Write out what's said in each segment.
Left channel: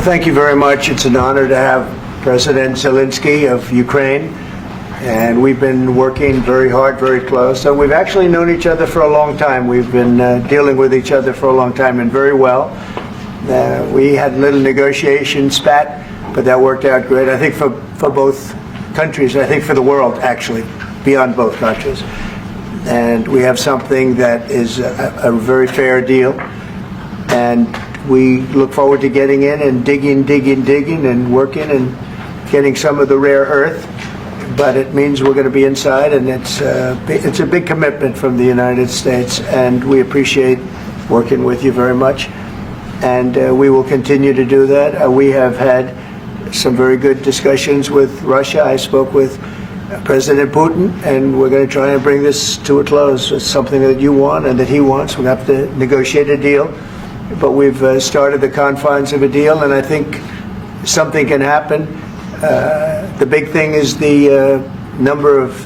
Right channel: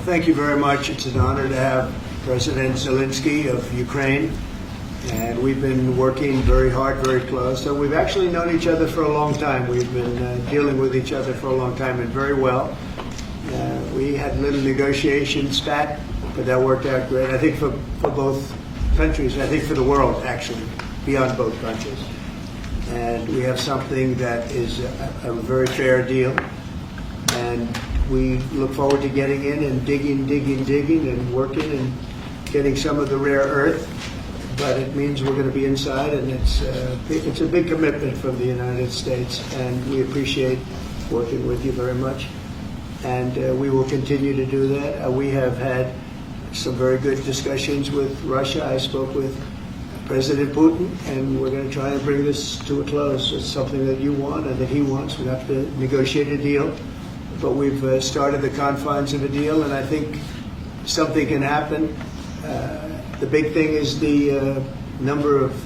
Well, thank you very much. It's an honor to have President Zelensky of Ukraine, and we've been working very hard, very close. So we've actually known each other for a long time. We've been dealing with each other for a long time, and very well. We had a little negotiation spat, but that worked out great. I think for both countries, I think for the world, actually, beyond both countries. And we have something that is a very fair deal. And we look forward to getting in and digging and working and getting some of the rare earth. But it means we're going to be inside, and it's a big commitment from the United States, and we appreciate working with you very much. And we will continue to do that. We have had some very good discussions with Russia. I spoke with President Putin, and we're going to try and bring this to a close. It's something that you want and that he wants. We'll have to negotiate a deal. But we've started the confines of a deal, and I think something can happen. The big thing is the number of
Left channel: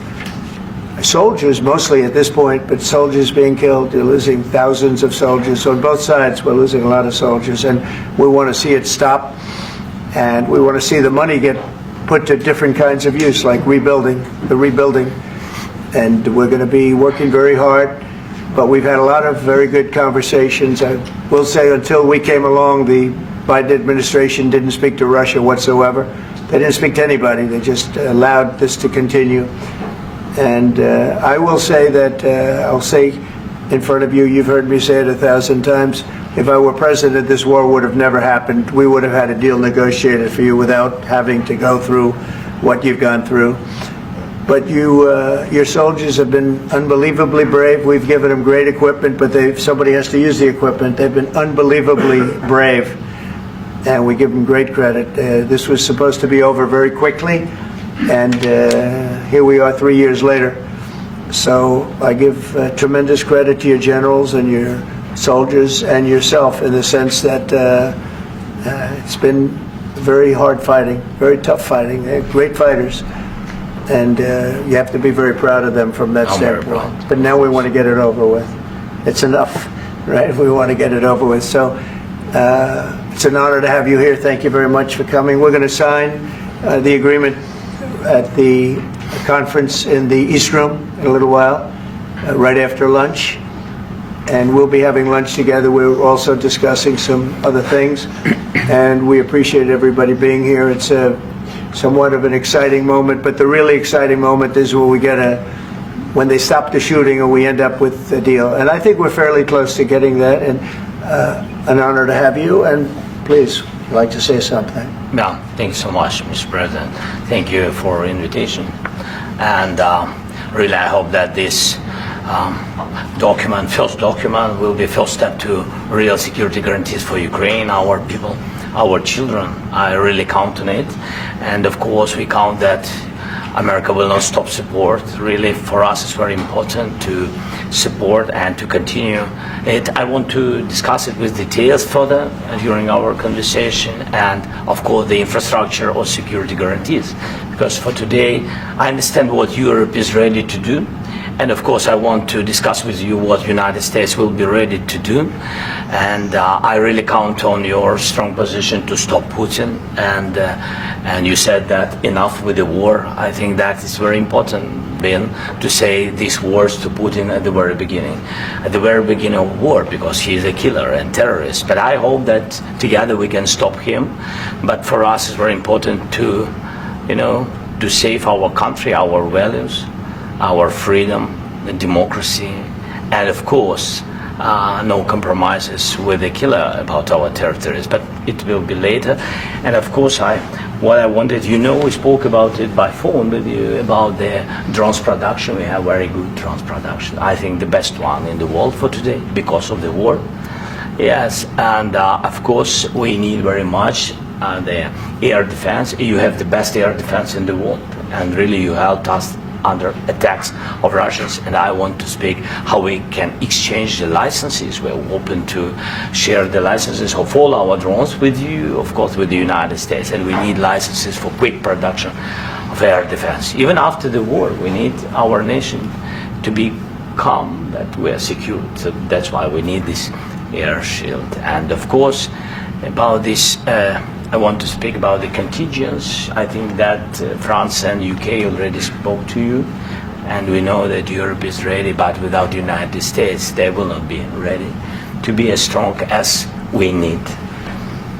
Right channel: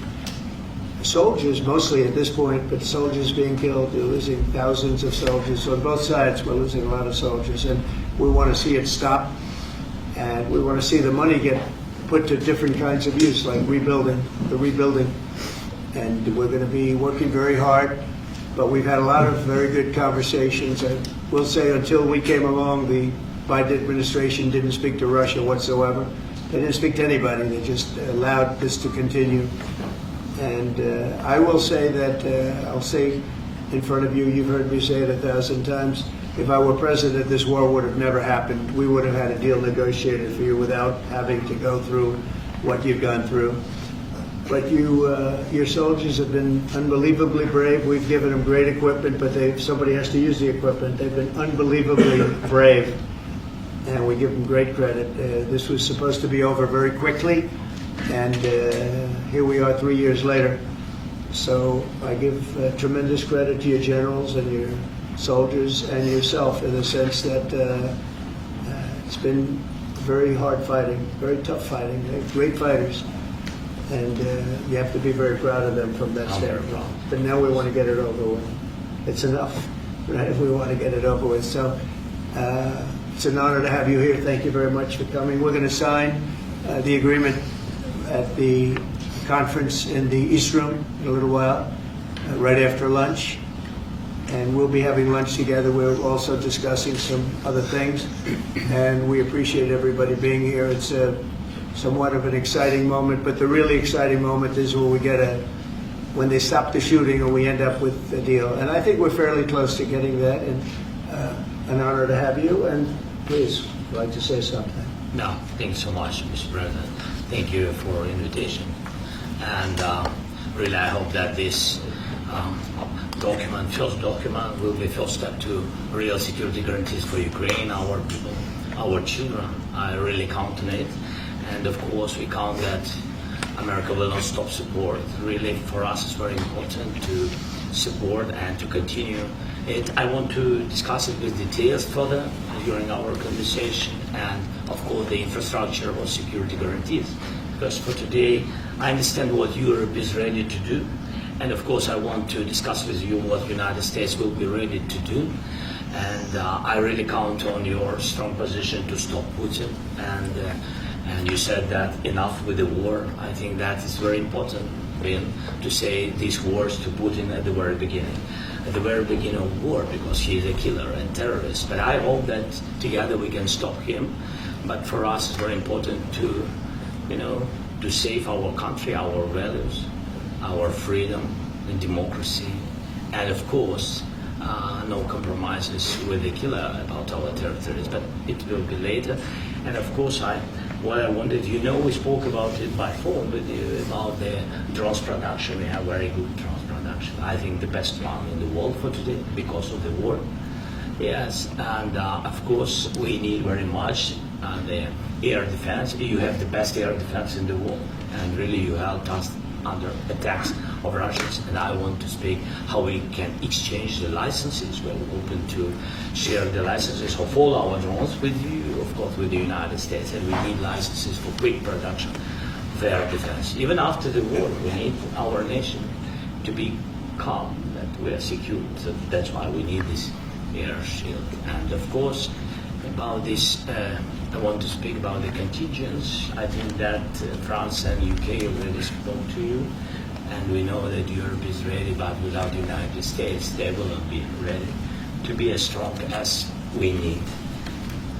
soldiers, mostly at this point, but soldiers being killed. You're losing thousands of soldiers. On both sides, we're losing a lot of soldiers, and we want to see it stop. And we want to see the money get put to different kinds of use, like rebuilding. And we're going to be working very hard. But we've had a lot of very good conversations. I will say until we came along, the Biden administration didn't speak to Russia whatsoever. They didn't speak to anybody. They just allowed this to continue. And I will say that, I'll say in front of you, you've heard me say it 1,000 times, if I were president, this war would have never happened. We would have had a deal negotiated for you without having to go through what you've gone through. But your soldiers have been unbelievably brave. We've given them great equipment, but somebody has to use the equipment. They've been unbelievably brave, and we give them great credit. This was supposed to be over very quickly, and here we are 3 years later. So I give tremendous credit to your generals and your soldiers and yourself, in the sense that it's been very hard fighting, very tough fighting. They're great fighters. And you have to be very proud of them from that standpoint. But now we want to get it over with. It's enough, right? We want to get it over with. So it's an honor to have you here. Thank you very much for coming. We're going to sign the agreement at the conference in the East Room in a little while, right after lunch. And we'll be having lunch together. We're also discussing some other things. And we appreciate everybody being here. It's somewhat of an exciting moment, but the really exciting moment is when they stop the shooting and we end up with a deal. And I think we're fairly close to getting that, and an honor to have you. And please, if you'd like to say something. No, thank you so much, Mr. President. Thank you for invitation. And really, I hope that this first document, will be first step to real security guarantees for Ukraine, our people, our children. I really count on it. And of course, we count that America will not stop support. Really, for us, it's very important to support and to continue it. I want to discuss it with details further during our conversation, and of course, the infrastructure or security guarantees. Because for today, I understand what Europe is ready to do. And of course, I want to discuss with you what the United States will be ready to do. And I really count on your strong position to stop Putin. And you said that enough with the war. I think that is very important, Ben, to say these words to Putin at the very beginning of war, because he is a killer and terrorist. But I hope that together we can stop him. But for us, it's very important to, to save our country, our values, our freedom and democracy, and of course, no compromises with the killer about our territories. But it will be later. And of course, what I wanted, we spoke about it by phone with you, about the drones production. We have very good drones production. I think the best one in the world for today, because of the war. Yes, and of course, we need very much the air defense. You have the best air defense in the world, and really you helped us under attacks of Russians. And I want to speak how we can exchange the licenses. We're open to share the licenses of all our drones with you, of course, with the United States. And we need licenses for quick production of air defense. Even after the war, we need our nation to be calm, that we are secure. So that's why we need this air shield. And of course, about this I want to speak about the contingents. I think that France and UK already spoke to you, and we know that Europe is ready, but without the United States, they will not be ready to be as strong as we need.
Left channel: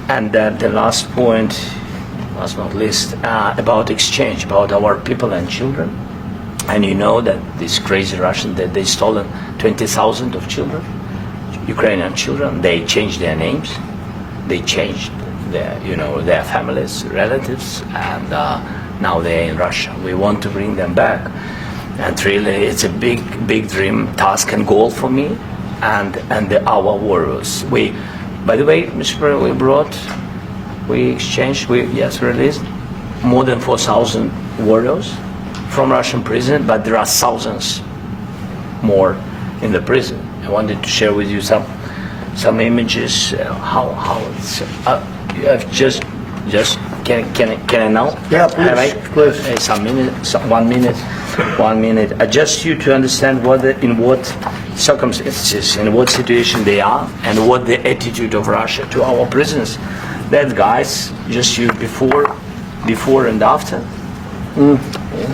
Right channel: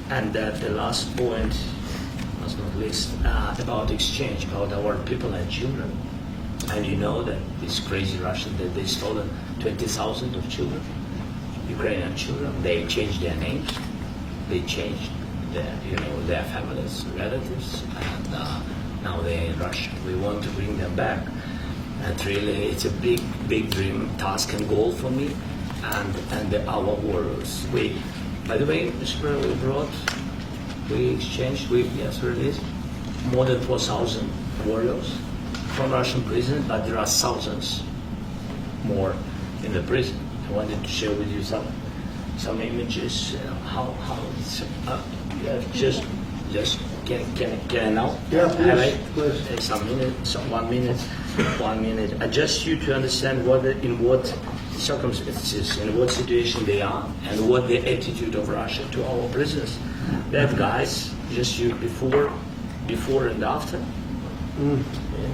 And the last point, last not least, about exchange, about our people and children. And you know that these crazy Russians, that they stolen 20,000 of children, Ukrainian children. They changed their names, they changed their families, relatives, and now they're in Russia. We want to bring them back, and really, it's a big dream, task, and goal for me, and our warriors. By the way, Mr. President, we exchanged, released more than 4,000 warriors from Russian prison, but there are thousands more in the prison. I wanted to share with you some images. How it's. You have just can I now? Yeah, please. Some minute, 1 minute, 1 minute. Just you to understand in what circumstances, in what situation they are, and what the attitude of Russia to our prisoners. That guys, just you before and after. And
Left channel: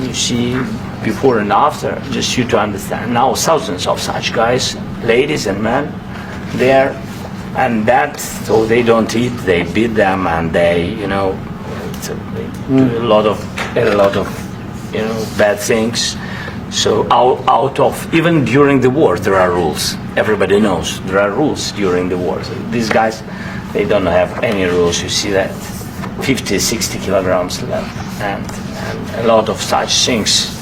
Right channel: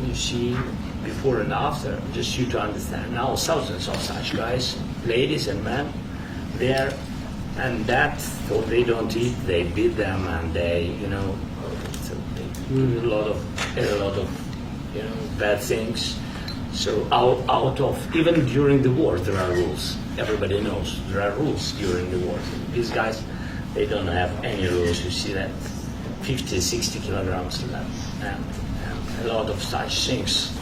you see before and after, just you to understand. Now thousands of such guys, ladies and men, there. And that, so they don't eat, they beat them, and they do a lot of bad things. So out of, even during the war, there are rules. Everybody knows there are rules during the war. So these guys, they don't have any rules. You see that 50, 60 kilograms left, and a lot of such things.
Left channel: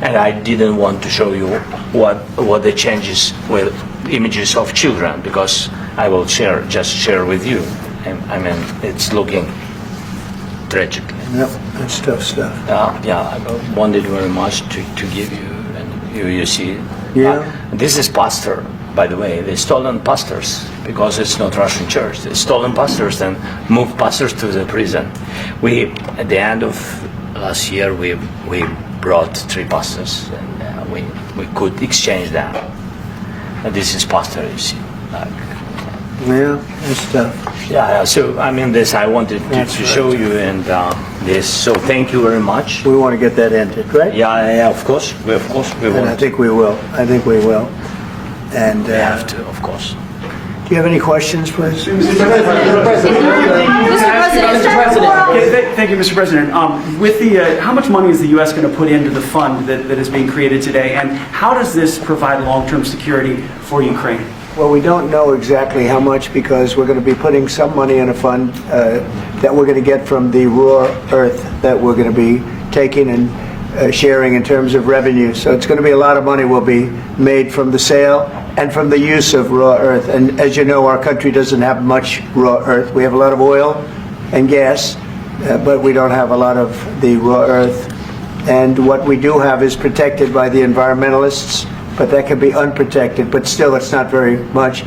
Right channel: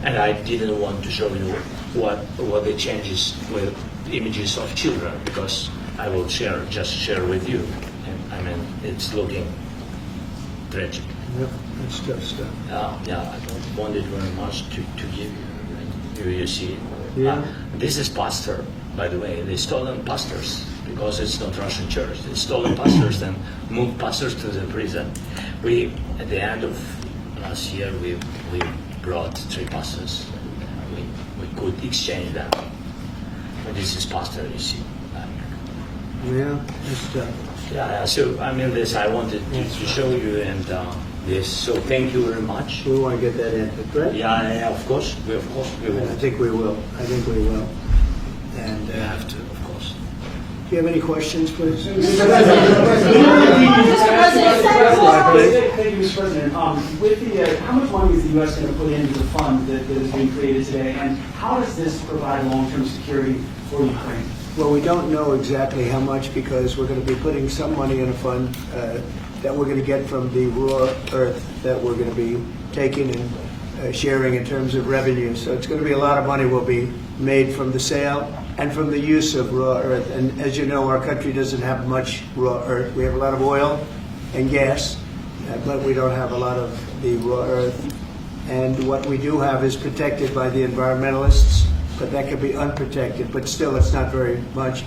And I didn't want to show you what the changes with images of children, because I will just share with you. I mean, it's looking tragically. Yep, that's tough stuff. I wanted very much to give you, and you see. Yeah. This is pastor, by the way. They stolen pastors because it's not Russian church. They stolen pastors and moved pastors to the prison. At the end of last year, we brought 3 pastors, and we could exchange them. And this is pastor, you see. Yeah, that's tough. Yeah. So I mean, this I wanted to show you, and this. So thank you very much. We want to get that ended, right? Yeah. Of course, we And want. I think we will. And We have to, of course. do you have any questions, please? Thank you, Mr. President. With how much money is the U.S. going to put into the fund that is being created today, and how does this provide long-term security for Ukraine? Well, we don't know exactly how much, because we're going to be putting some money in a fund that we're going to get from the raw earth that we're going to be taking and sharing in terms of revenue. So it's going to be a lot of money will be made from the sale and from the use of raw earth. And as you know, our country doesn't have much raw earth. We have a lot of oil and gas, but we don't have a lot of the raw earth. And what we do have is protected by the environmentalists, but that can be unprotected, but still it's not very much.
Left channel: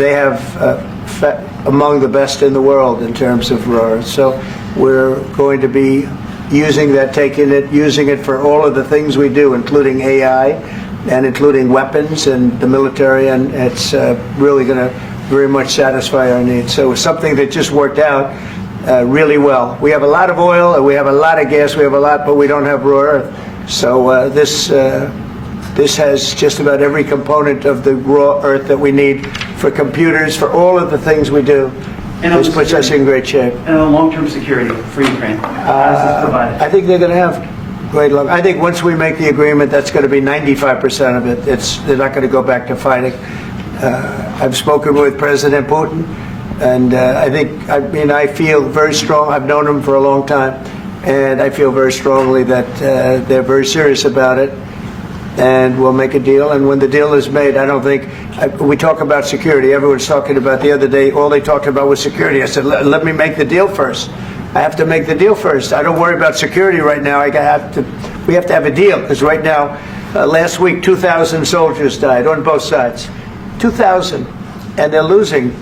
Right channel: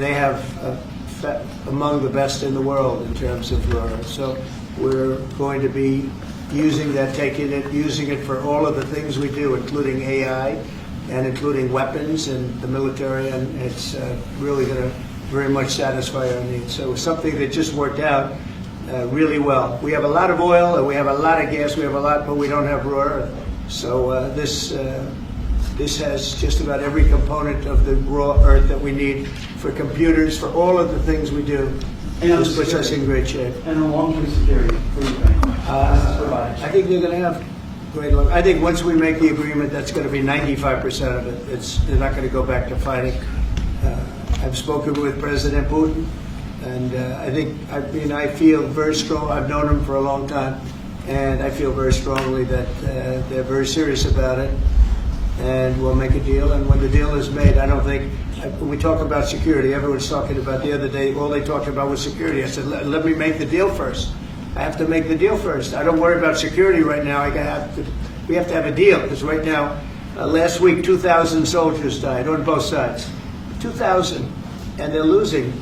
They have among the best in the world in terms of raw earth. So we're going to be using that, using it for all of the things we do, including AI and including weapons and the military, and it's really going to very much satisfy our needs. So it's something that just worked out really well. We have a lot of oil, and we have a lot of gas, we have a lot, but we don't have raw earth. So this has just about every component of the raw earth that we need for computers, for all of the things we do. This puts us in great shape. And long-term security for Ukraine. How does this provide it? I think they're going to have great luck. I think once we make the agreement, that's going to be 95% of it. They're not going to go back to fighting. I've spoken with President Putin, and I feel very strong. I've known him for a long time, and I feel very strongly that they're very serious about it. And we'll make a deal. And when the deal is made, I don't think we talk about security. Everyone's talking about the other day. All they talked about was security. I said, let me make the deal first. I have to make the deal first. I don't worry about security right now. We have to have a deal, because right now, last week, 2,000 soldiers died on both sides. 2,000, and they're losing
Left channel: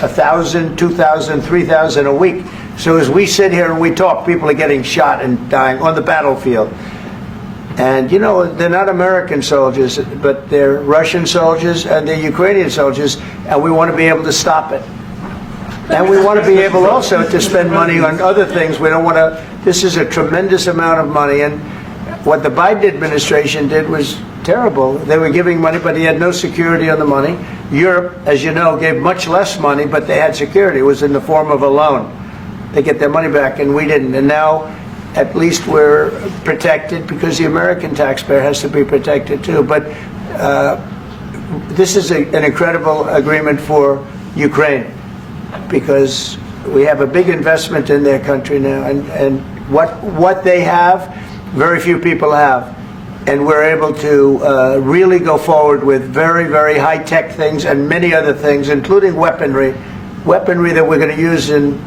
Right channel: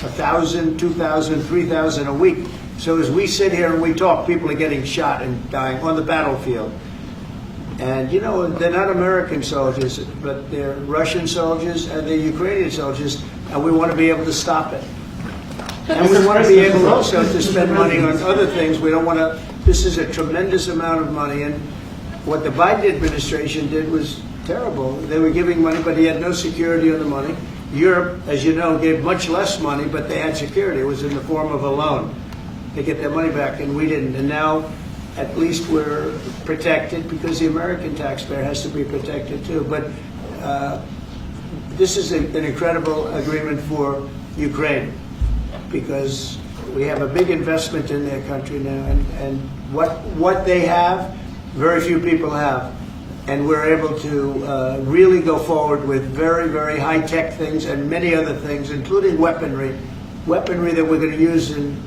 1,000, 2,000, 3,000 a week. So as we sit here and we talk, people are getting shot and dying on the battlefield. And, you know, they're not American soldiers, but they're Russian soldiers and they're Ukrainian soldiers, and we want to be able to stop it. And we want to be able also to spend money on other things. We don't want to, this is a tremendous amount of money. And what the Biden administration did was terrible. They were giving money, but he had no security on the money. Europe, as you know, gave much less money, but they had security. It was in the form of a loan. They get their money back, and we didn't. And now, at least we're protected because the American taxpayer has to be protected too. But this is an incredible agreement for Ukraine because we have a big investment in their country now, and what they have, very few people have. And we're able to really go forward with very, very high-tech things and many other things, including weaponry that we're going to use in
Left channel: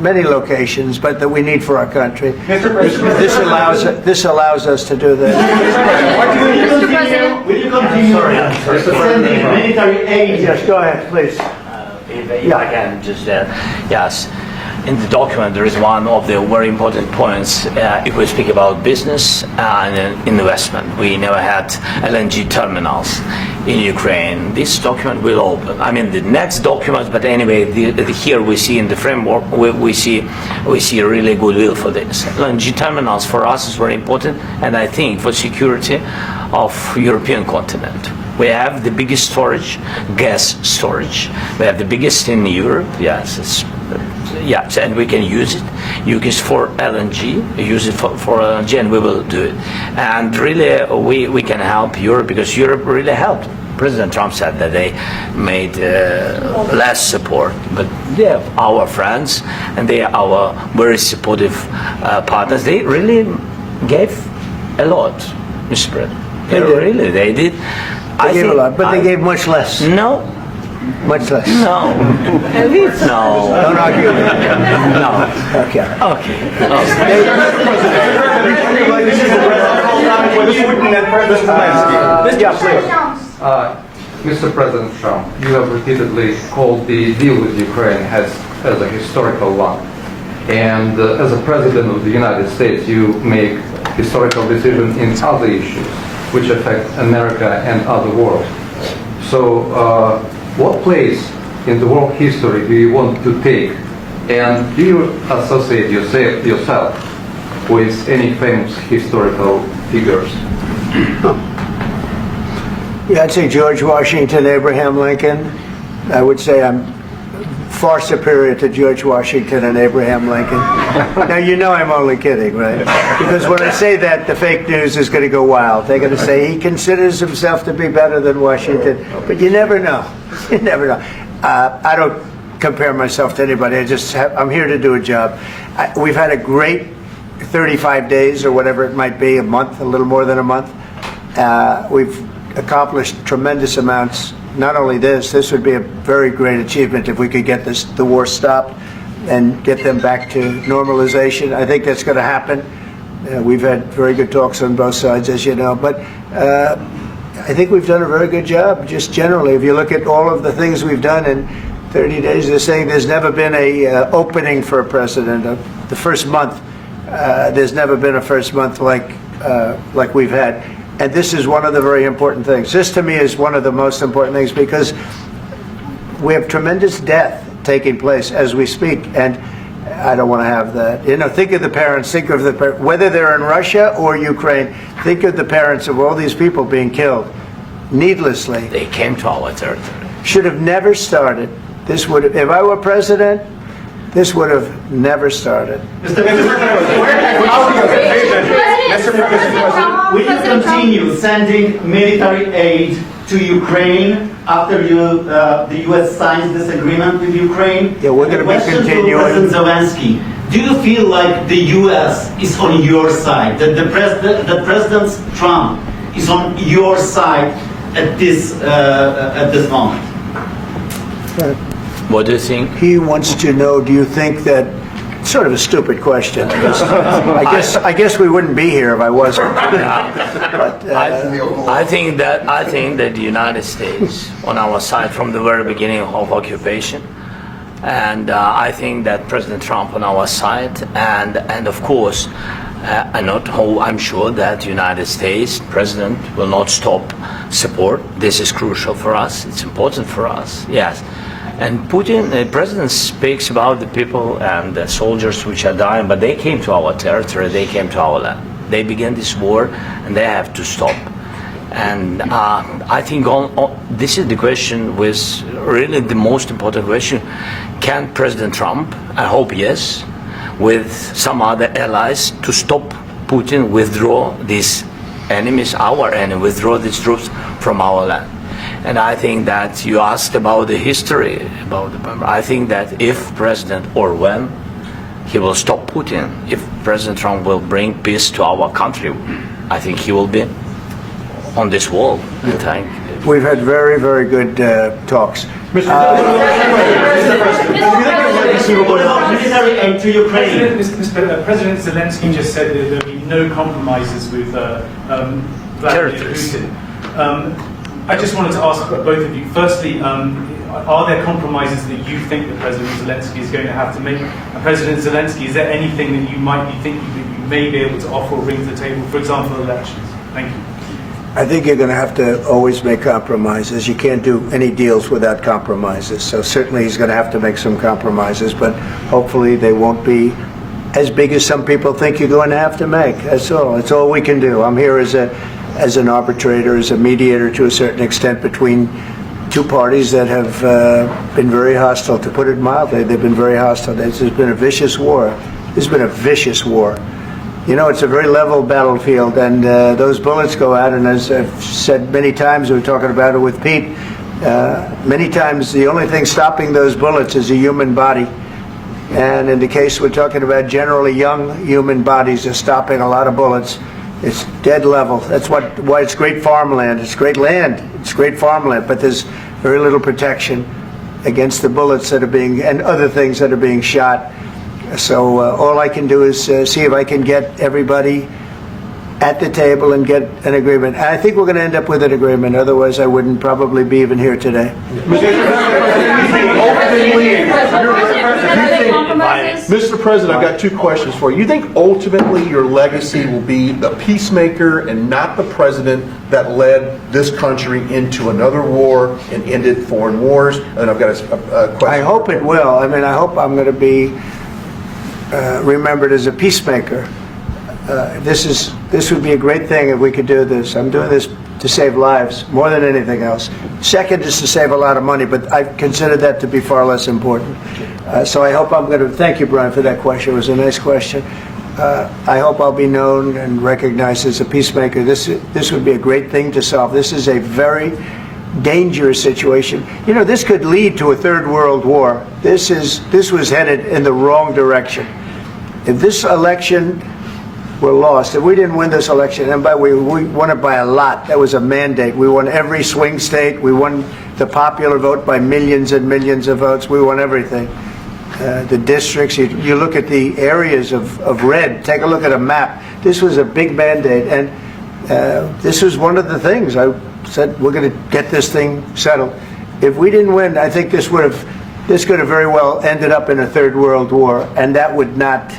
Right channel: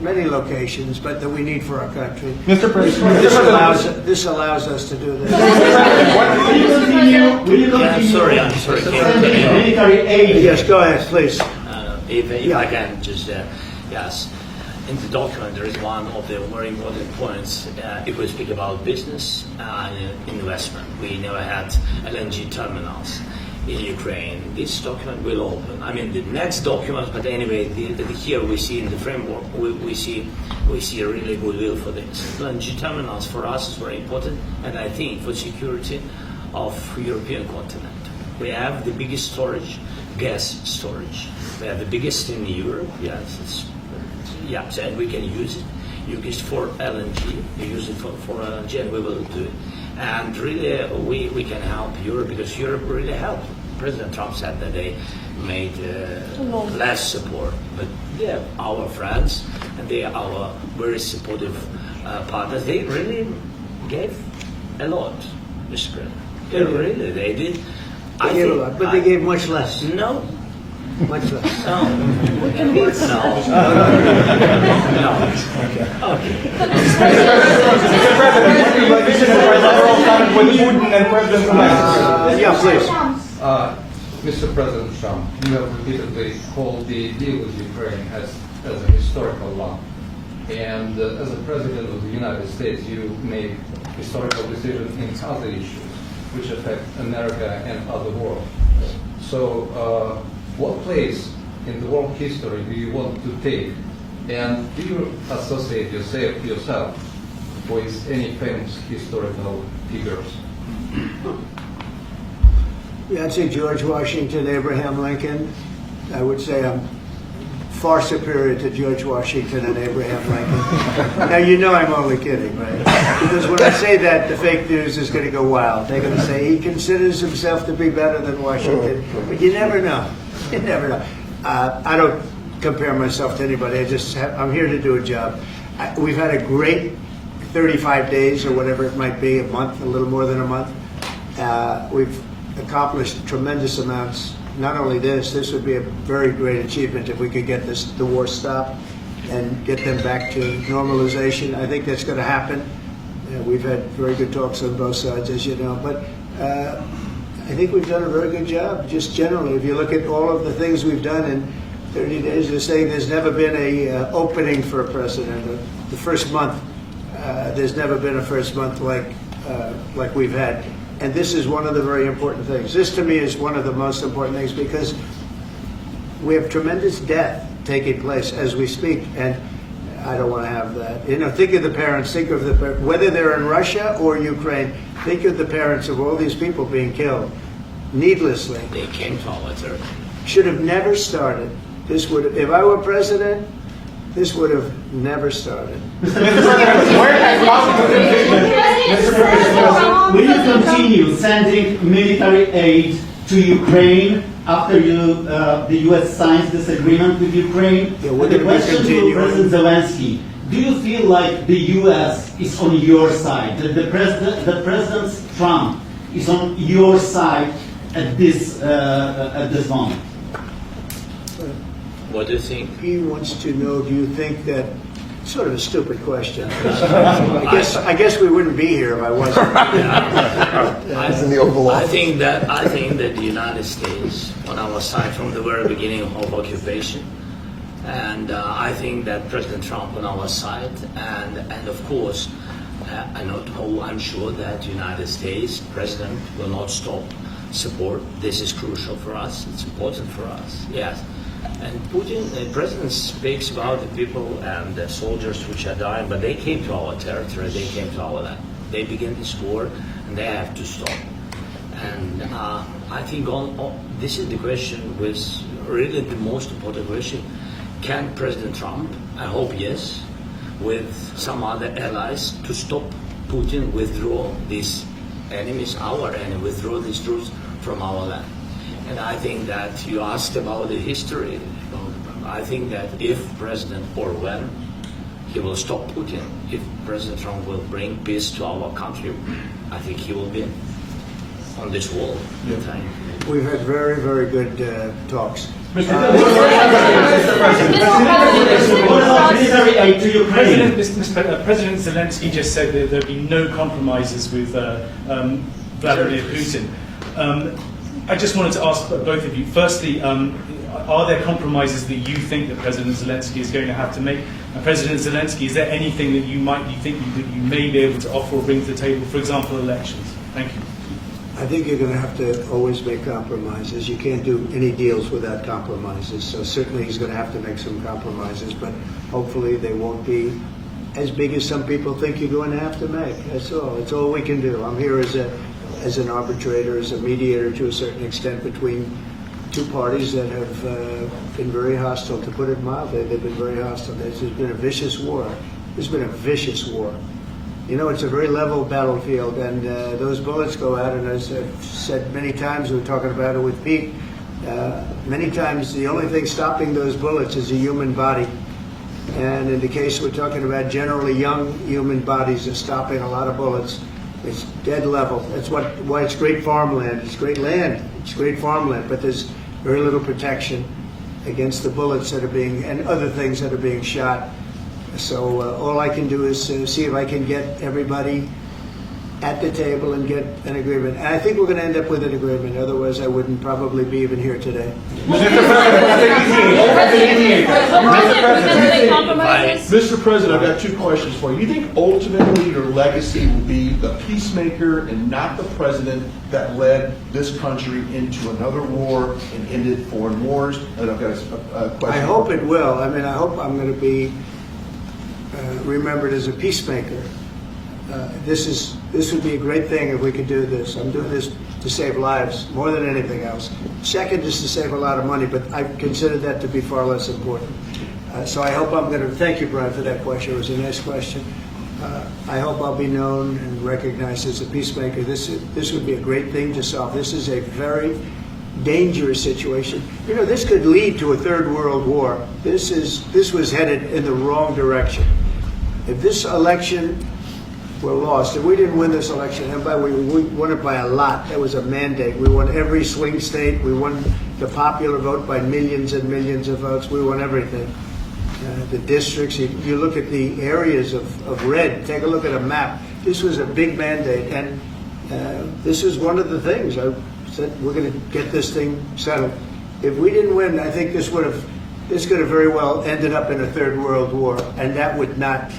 many locations, but that we need for our country. Mr. President, This allows us to do that. will you continue Sorry. sending military aid? Yes, go ahead, please. If I can just, yes. In the document, there is one of the very important points. If we speak about business and investment, we never had LNG terminals in Ukraine. This document will open. I mean, the next document, but anyway, here we see in the framework, we see really goodwill for this. LNG terminals for us is very important, and I think for security of European continent. We have the biggest storage, gas storage. We have the biggest in Europe. Yes, yes, and we can use it. Use it for LNG. Use it for LNG, and we will do it. And really, we can help Europe because Europe really helped. President Trump said that they made less support, but they are our friends and they are our very supportive partners. They really gave a lot, Mr. President. They did. They gave a lot, but they gave much less. No. Much less. No. No. No. Okay. Mr. President Trump, you have repeatedly called the deal with Ukraine as a historical one. And as a President of the United States, you make historical decisions in other issues which affect America and other world. So what place in the world history do you want to take? And do you associate yourself with any famous historical figures? Yeah, I'd say George Washington, Abraham Lincoln. I would say I'm far superior to George Washington and Abraham Lincoln. Now, you know I'm only kidding, right? Because when I say that, the fake news is going to go wild. They're going to say he considers himself to be better than Washington. But you never know. You never know. I don't compare myself to anybody. I'm here to do a job. We've had a great 35 days or whatever it might be, a month, a little more than a month. We've accomplished tremendous amounts. Not only this would be a very great achievement if we could get the war stopped and get them back to normalization. I think that's going to happen. We've had very good talks on both sides, as you know. But I think we've done a very good job, just generally. If you look at all of the things we've done in 30 days, they're saying there's never been a opening for a president. The first month, there's never been a first month like we've had. And this is one of the very important things. This, to me, is one of the most important things because we have tremendous death taking place as we speak, and I don't want to have that. You know, think of the parents, whether they're in Russia or Ukraine, think of the parents of all these people being killed needlessly. They came to our territory. Should have never started. This would have, if I were president, this would have never started. Mr. President, will you continue sending military aid to Ukraine after the U.S. signs this agreement with Ukraine? Yeah, we're going to be continuing. To President Zelensky, do you feel like the U.S. is on your side, that President Trump is on your side at this moment? What do you think? He wants to know, do you think that, sort of a stupid question. I guess we wouldn't be here if I wasn't. I think that the United States on our side from the very beginning of occupation, and I think that President Trump on our side, and of course, I'm sure that the United States President will not stop support. This is crucial for us. It's important for us. Yes. And Putin, the president speaks about the people and the soldiers which are dying, but they came to our territory, they came to our land. They began this war, and they have to stop. And I think this is the question, with really the most important question. Can President Trump, I hope yes, with some other allies, to stop Putin, withdraw these enemies, our enemy, withdraw these troops from our land? And I think that you asked about the history, I think that if President, or when, he will stop Putin, if President Trump will bring peace to our country, I think he will be on this wall. We've had very, very good talks. Military aid to Ukraine. President Zelensky just said that there will be no compromises with Vladimir Putin. I just wanted to ask both of you, firstly, are there compromises that you think that President Zelensky is going to have to make? And President Zelensky, is there anything that you might be thinking that you may be able to offer or bring to the table, for example, elections? Thank you. I think you're going to have to always make compromises. You can't do any deals without compromises. So certainly he's going to have to make some compromises, but hopefully they won't be as big as some people think you're going to have to make. That's all. That's all we can do. I'm here as an arbitrator, as a mediator to a certain extent between two parties that have been very hostile, to put it mildly. They've been very hostile. There's been a vicious war. There's been a vicious war. You know, it's a very level battlefield, and those bullets go out, and as I've said many times, we were talking about it with Pete, many times the only thing stopping those bullets is a human body. And in the case we're talking about, generally young human bodies are stopping a lot of bullets. It's dead level. That's why it's great farmland. It's great land. It's great farmland, but there's very little protection against the bullets that are being, and other things that are being shot. So all I can do is see if I can get everybody at the table and get an agreement. And I think we're going to end up with an agreement. Otherwise, I wouldn't probably be even here today. Mr. President, I've got two questions for you. You think ultimately your legacy will be the peacemaker and not the president that led this country into another war and ended foreign wars? And I've got a question. I hope it will. I mean, I hope I'm going to be remembered as a peacemaker. This would be a great thing if we could do this. I'm doing this to save lives more than anything else. Second is to save a lot of money, but I consider that to be far less important. So I hope I'm going to thank you, Brian, for that question. It was a nice question. I hope I'll be known and recognized as a peacemaker. This would be a great thing to solve. This is a very dangerous situation. You know, this could lead to a third world war. This was headed in the wrong direction. If this election were lost, if we didn't win this election, and we won it by a lot, that was a mandate. We won every swing state. We won the popular vote by millions and millions of votes. We won everything. The districts, you look at the areas of red, take a look at a map. This was a big mandate, and this was one of the things I said, we're going to get this thing settled. If we didn't win, I think this could have very well ended up in a third world war, and that would not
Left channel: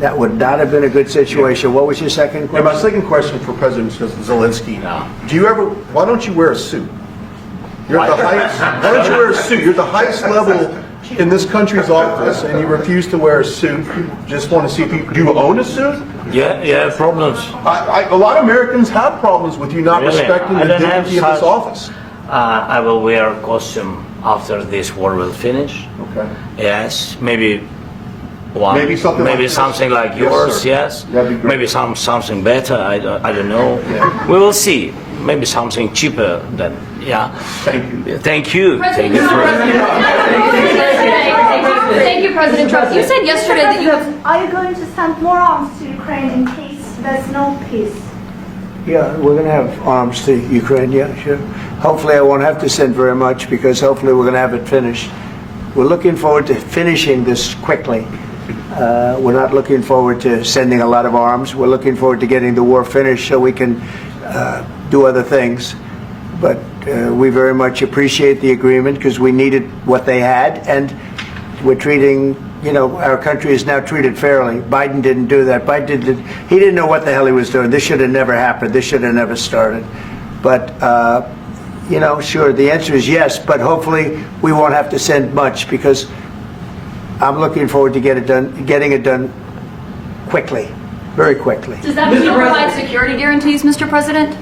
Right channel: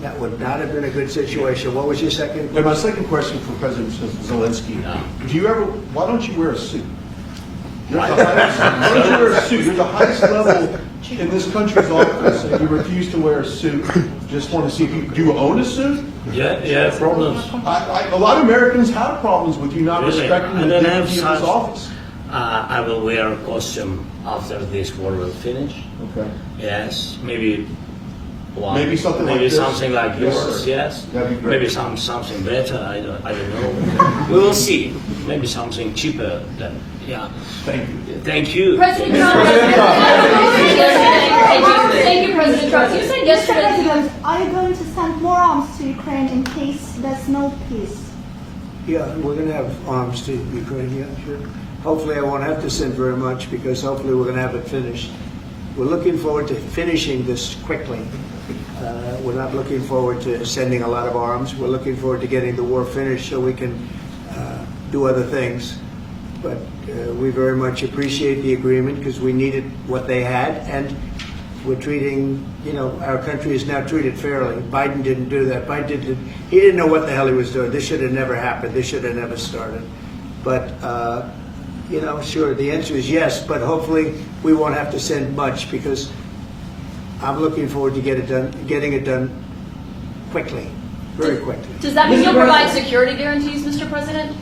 have been a good situation. What was your second question? My second question for President Zelensky. Why don't you wear a suit? You're at the highest, why don't you wear a suit? You're at the highest level in this country's office, and you refuse to wear a suit. Just want to see people. Do you own a suit? Yeah, problems. A lot of Americans have problems with you not respecting the dignity of this office. I will wear a costume after this war will finish. Okay. Yes, maybe one. Maybe something like this. Something like yours. Sir. Yes. That'd be great. Maybe something better. I don't know. We will see. Maybe something cheaper than. Yeah. Thank you. Thank you. President Trump. Thank you, President Trump. You said yesterday that you have. Are you going to send more arms to Ukraine in case there's no peace? Yeah, we're going to have arms to Ukraine, yeah, sure. Hopefully I won't have to send very much, because hopefully we're going to have it finished. We're looking forward to finishing this quickly. We're not looking forward to sending a lot of arms. We're looking forward to getting the war finished so we can do other things. But we very much appreciate the agreement, because we needed what they had, and we're treating, you know, our country is now treated fairly. Biden didn't do that. He didn't know what the hell he was doing. This should have never happened. This should have never started. But, you know, sure, the answer is yes, but hopefully we won't have to send much, because I'm looking forward to getting it done quickly, very quickly. Does that mean you'll provide security guarantees, Mr. President?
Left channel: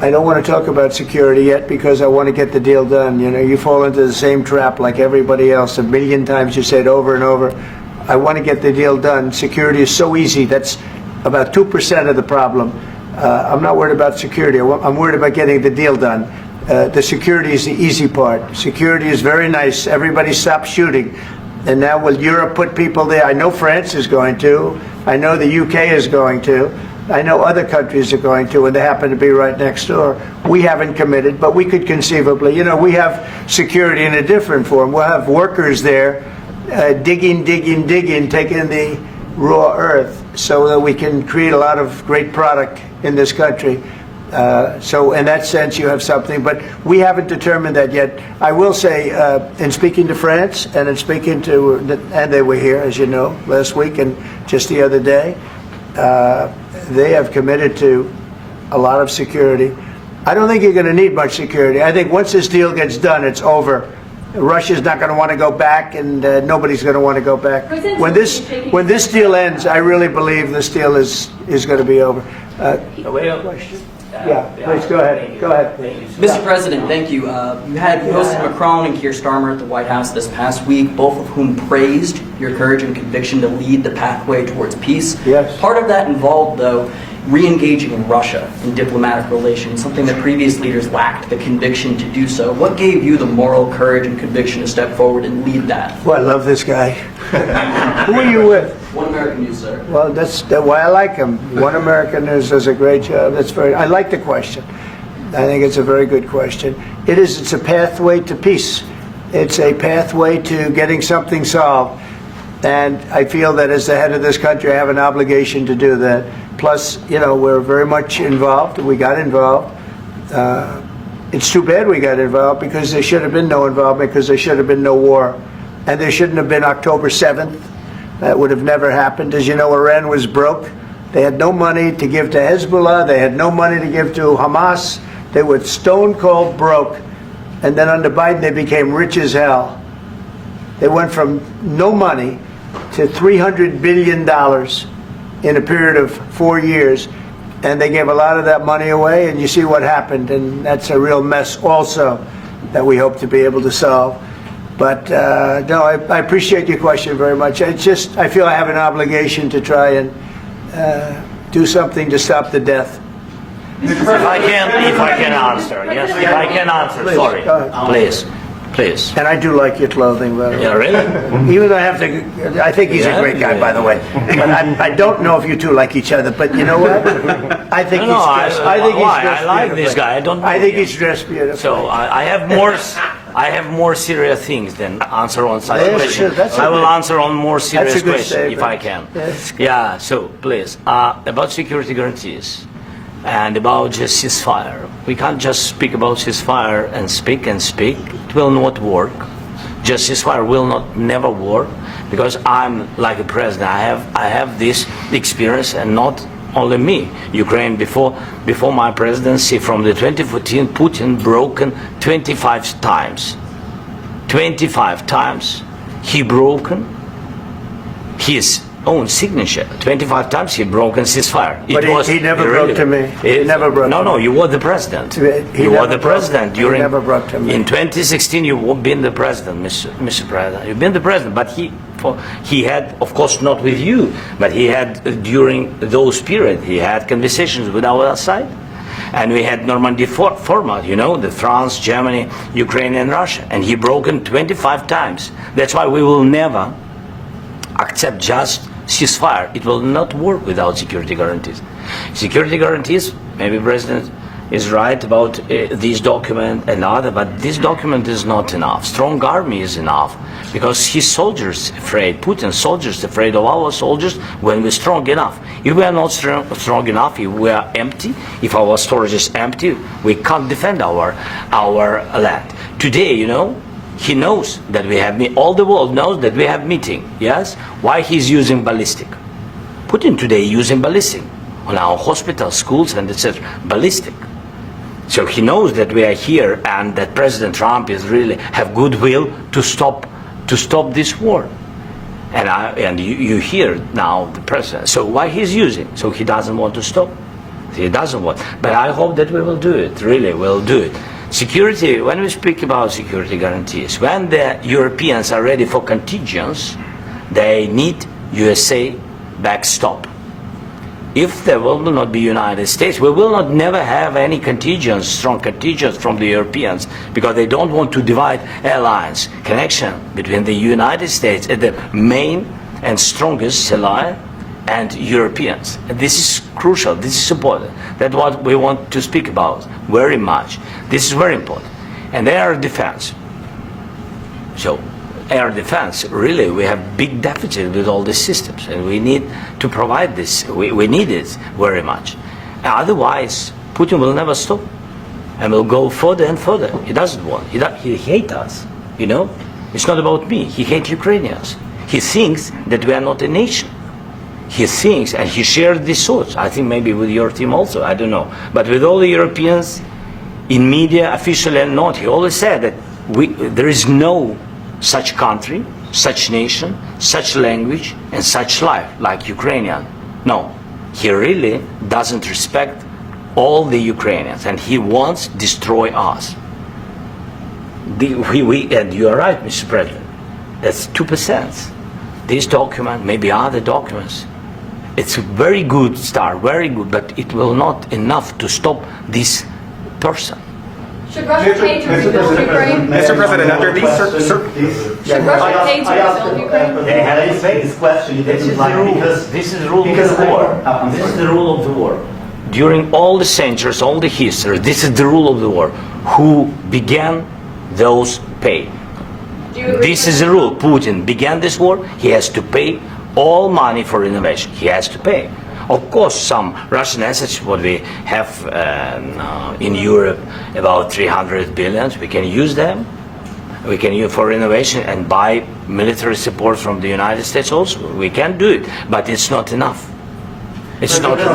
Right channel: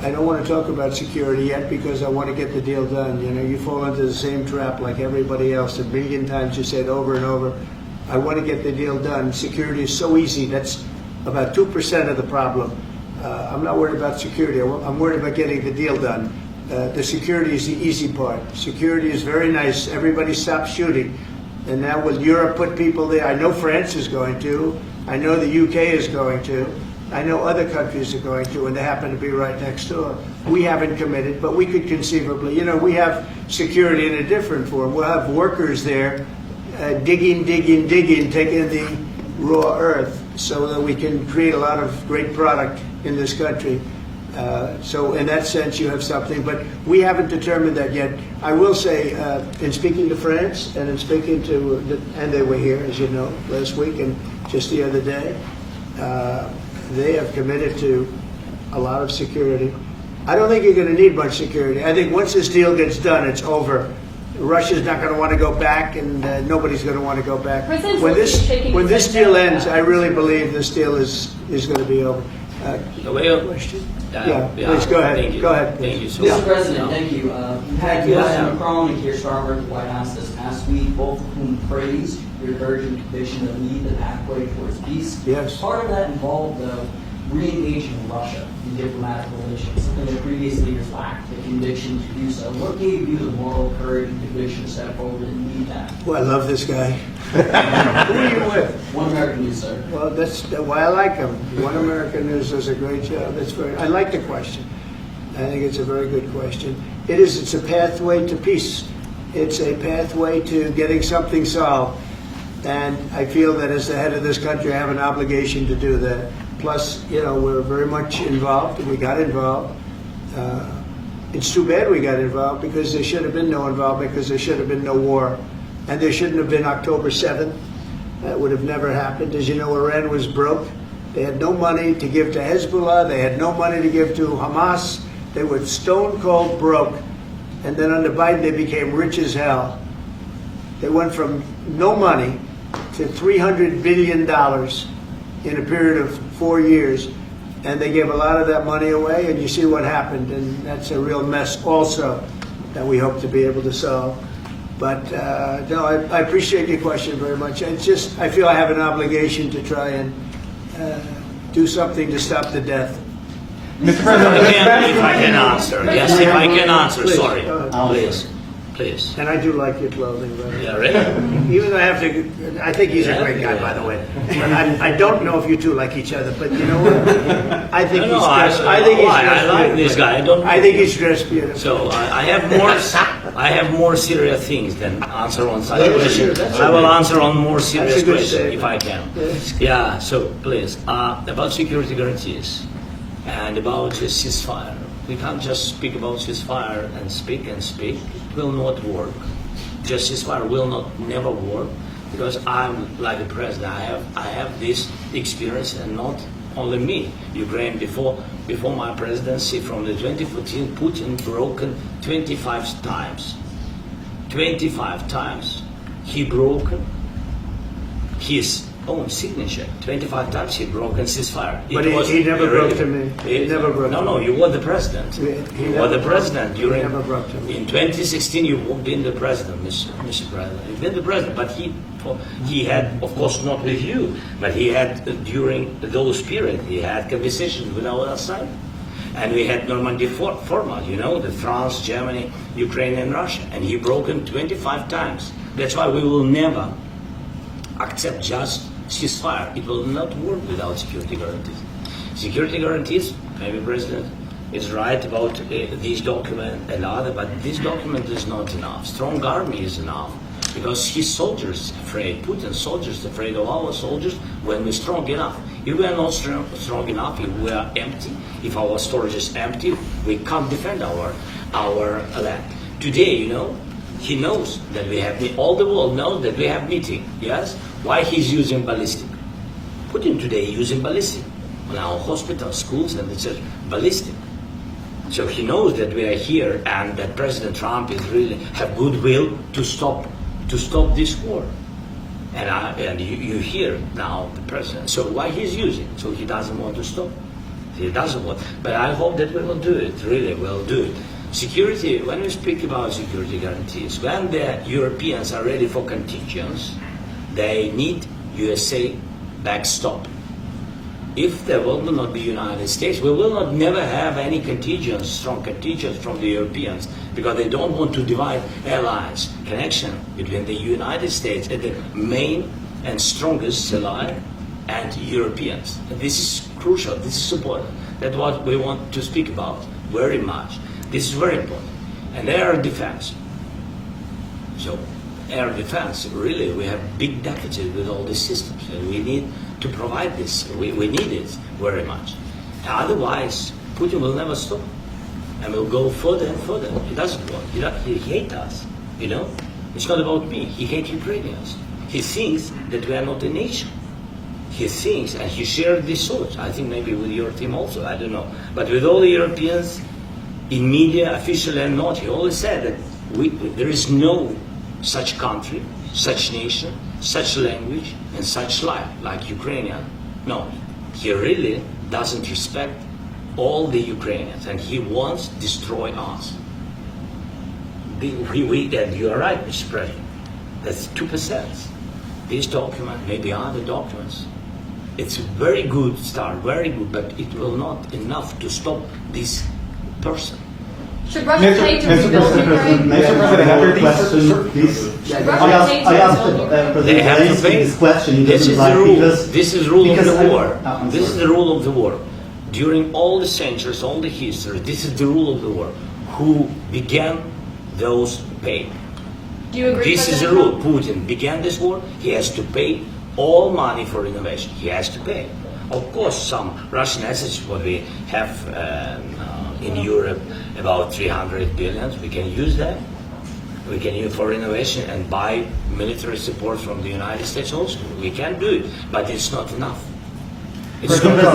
I don't want to talk about security yet, because I want to get the deal done. You know, you fall into the same trap like everybody else. A million times you say it over and over. I want to get the deal done. Security is so easy. That's about 2% of the problem. I'm not worried about security. I'm worried about getting the deal done. The security is the easy part. Security is very nice. Everybody stopped shooting. And now will Europe put people there? I know France is going to. I know the UK is going to. I know other countries are going to, and they happen to be right next door. We haven't committed, but we could conceivably. You know, we have security in a different form. We'll have workers there digging, taking the raw earth so that we can create a lot of great product in this country. So in that sense, you have something, but we haven't determined that yet. I will say, in speaking to France and in speaking to, and they were here, as you know, last week and just the other day, they have committed to a lot of security. I don't think you're going to need much security. I think once this deal gets done, it's over. Russia's not going to want to go back, and nobody's going to want to go back. When this deal ends, I really believe this deal is going to be over. Question. Yeah, please go ahead. Thank you. Go ahead. Thank you, Mr. President, thank you. You had President Macron and Keir Starmer at the White House this past week, both of whom praised your courage and conviction to lead the pathway towards peace. Yes. Part of that involved, though, re-engaging Russia in diplomatic relations, something that previous leaders lacked the conviction to do so. What gave you the moral courage and conviction to step forward and lead that? Well, I love this guy. Who are you with? One American News, sir. Well, that's why I like him. One American News does a great job. I like the question. I think it's a very good question. It's a pathway to peace. It's a pathway to getting something solved. And I feel that as the head of this country, I have an obligation to do that. Plus, you know, we're very much involved. We got involved. It's too bad we got involved, because there should have been no involvement, because there should have been no war. And there shouldn't have been October 7th. That would have never happened. As you know, Iran was broke. They had no money to give to Hezbollah. They had no money to give to Hamas. They were stone cold broke. And then under Biden, they became rich as hell. They went from no money to $300 billion in a period of 4 years. And they gave a lot of that money away, and you see what happened. And that's a real mess also that we hope to be able to solve. But no, I appreciate your question very much. It's just, I feel I have an obligation to try and do something to stop the death. If I can answer. Yes, if I can answer. Please, Sorry. go ahead. Please. And I do like your clothing, by the way. Yeah, really? Even though I think he's a great guy, by the way. But I don't know if you two like each other. But you know what? I think he's dressed. I like this guy. I think he's dressed beautiful. So I have more serious things than answer on such Yeah, question. sure, I will answer on more serious That's a good question if statement. I can. That's good. Yeah. So please, about security guarantees and about just ceasefire. We can't just speak about ceasefire and speak and speak. It will not work. Just ceasefire will never work, because I'm like a president. I have this experience, and not only me. Ukraine before my presidency, from the 2014, Putin broken 25 times. 25 times he broken his own signature. 25 times he broken ceasefire. But he never broke to me. He never broke to me. No, you were the president. He You were never the broke- president he during. never broke to me. In 2016, you've been the president, Mr. President. You've been the president, but he had, of course, not with you, but he had during those periods. He had conversations with our side, and we had Normandy format. You know, the France, Germany, Ukraine, and Russia, and he broken 25 times. That's why we will never accept just ceasefire. It will not work without security guarantees. Security guarantees, maybe President is right about this document and other, but this document is not enough. Strong army is enough, because his soldiers afraid, Putin's soldiers afraid of our soldiers when we're strong enough. If we are not strong enough, if we are empty, if our storage is empty, we can't defend our land. Today, you know, he knows that we have, all the world knows that we have meeting, yes? Why he's using ballistic? Putin today using ballistic on our hospitals, schools, and etc. Ballistic. So he knows that we are here and that President Trump is really have goodwill to stop this war. And you hear now the president. So why he's using? So he doesn't want to stop. He doesn't want. But I hope that we will do it. Really, we'll do it. Security. When we speak about security guarantees, when the Europeans are ready for contingents, they need USA backstop. If there will not be United States, we will not never have any contingents, strong contingents from the Europeans, because they don't want to divide alliance, connection between the United States and the main and strongest ally and Europeans. And this is crucial, this is important. That's what we want to speak about very much. This is very important. And air defense. So air defense, really, we have big deficit with all these systems, and we need to provide this. We need it very much. Otherwise, Putin will never stop, and will go further and further. He doesn't want. He hates us. You know, it's not about me. He hates Ukrainians. He thinks that we are not a nation. He thinks, and he shared these thoughts. I think maybe with your team also. I don't know, but with all the Europeans, in media, officially and not, he always said that there is no such country, such nation, such language, and such life like Ukrainian. No, he really doesn't respect all the Ukrainians, and he wants to destroy us. And you are right, Mr. President. That's 2%. This document, maybe other documents, it's a very good start, very good, but it will not enough to stop this person. Should Russia pay to rebuild Ukraine? Mr. President, after these Should Russia pay to I asked rebuild Ukraine? They have to Zelensky pay. this question. He This didn't is like the rule. because- This is the rule of because the war. I'm This is sorry. the rule of the war. During all the centuries, all the history, this is the rule of the war. Who began, those pay. Do you agree This with is the rule. Putin began this war. He has to pay all money for innovation. He has to pay. Of course, some Russian assets, what we have in Europe, about 300 billion, we can use them. We can use for innovation and buy military support from the United States also. We can do it, but it's not enough. It's not enough.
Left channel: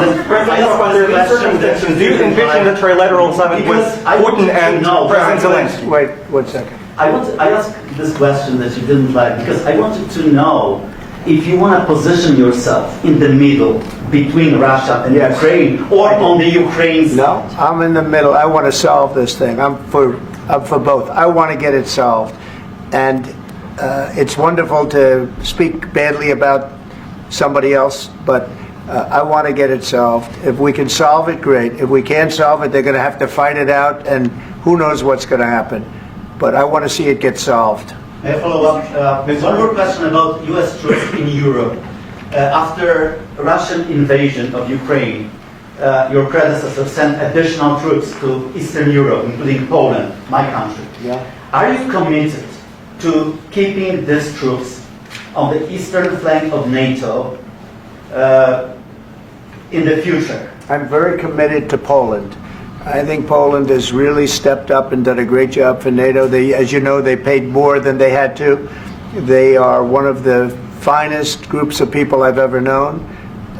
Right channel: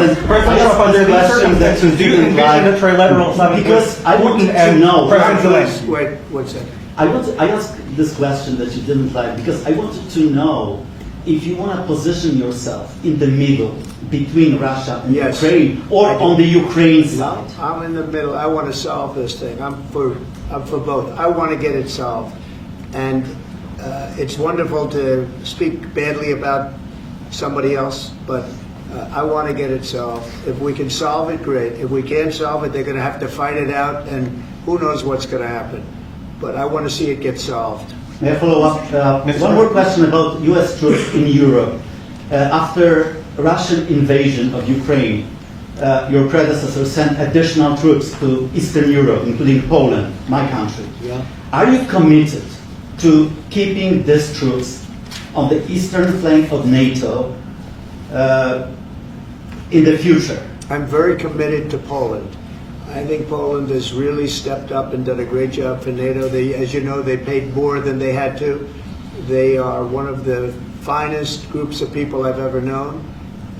Under these circumstances, do you envision a trilateral summit with Because I want Putin to and know. President Zelensky? Wait 1 second. I asked this question that you didn't like because I wanted to know if you want to position yourself in the middle between Russia and Yes. Ukraine or on the Ukraine side. No, I'm in the middle. I want to solve this thing. I'm for both. I want to get it solved. And it's wonderful to speak badly about somebody else, but I want to get it solved. If we can solve it, great. If we can't solve it, they're going to have to fight it out, and who knows what's going to happen. But I want to see it get solved. May I follow up? One more question about U.S. troops in Europe. After Russian invasion of Ukraine, your predecessor sent additional troops to Eastern Europe, including Poland, my country. Are you committed to keeping these troops on the eastern flank of NATO in the future? I'm very committed to Poland. I think Poland has really stepped up and done a great job for NATO. As you know, they paid more than they had to. They are one of the finest groups of people I've ever known.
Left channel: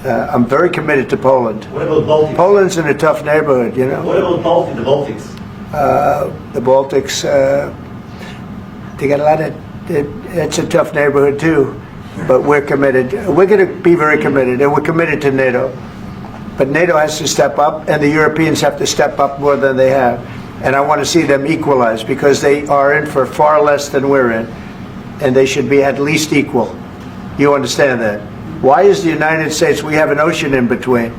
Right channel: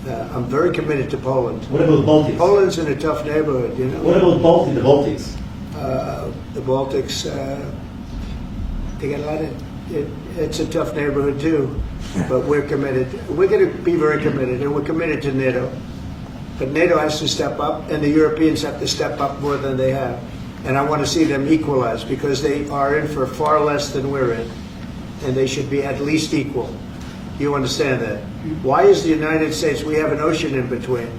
I'm very committed to Poland. What about Baltics? Poland's in a tough neighborhood, you know. What about the Baltics? The Baltics, they got a lot of, it's a tough neighborhood too, but we're committed. We're going to be very committed, and we're committed to NATO. But NATO has to step up, and the Europeans have to step up more than they have. And I want to see them equalize, because they are in for far less than we're in, and they should be at least equal. You understand that? Why is the United States, we have an ocean in between,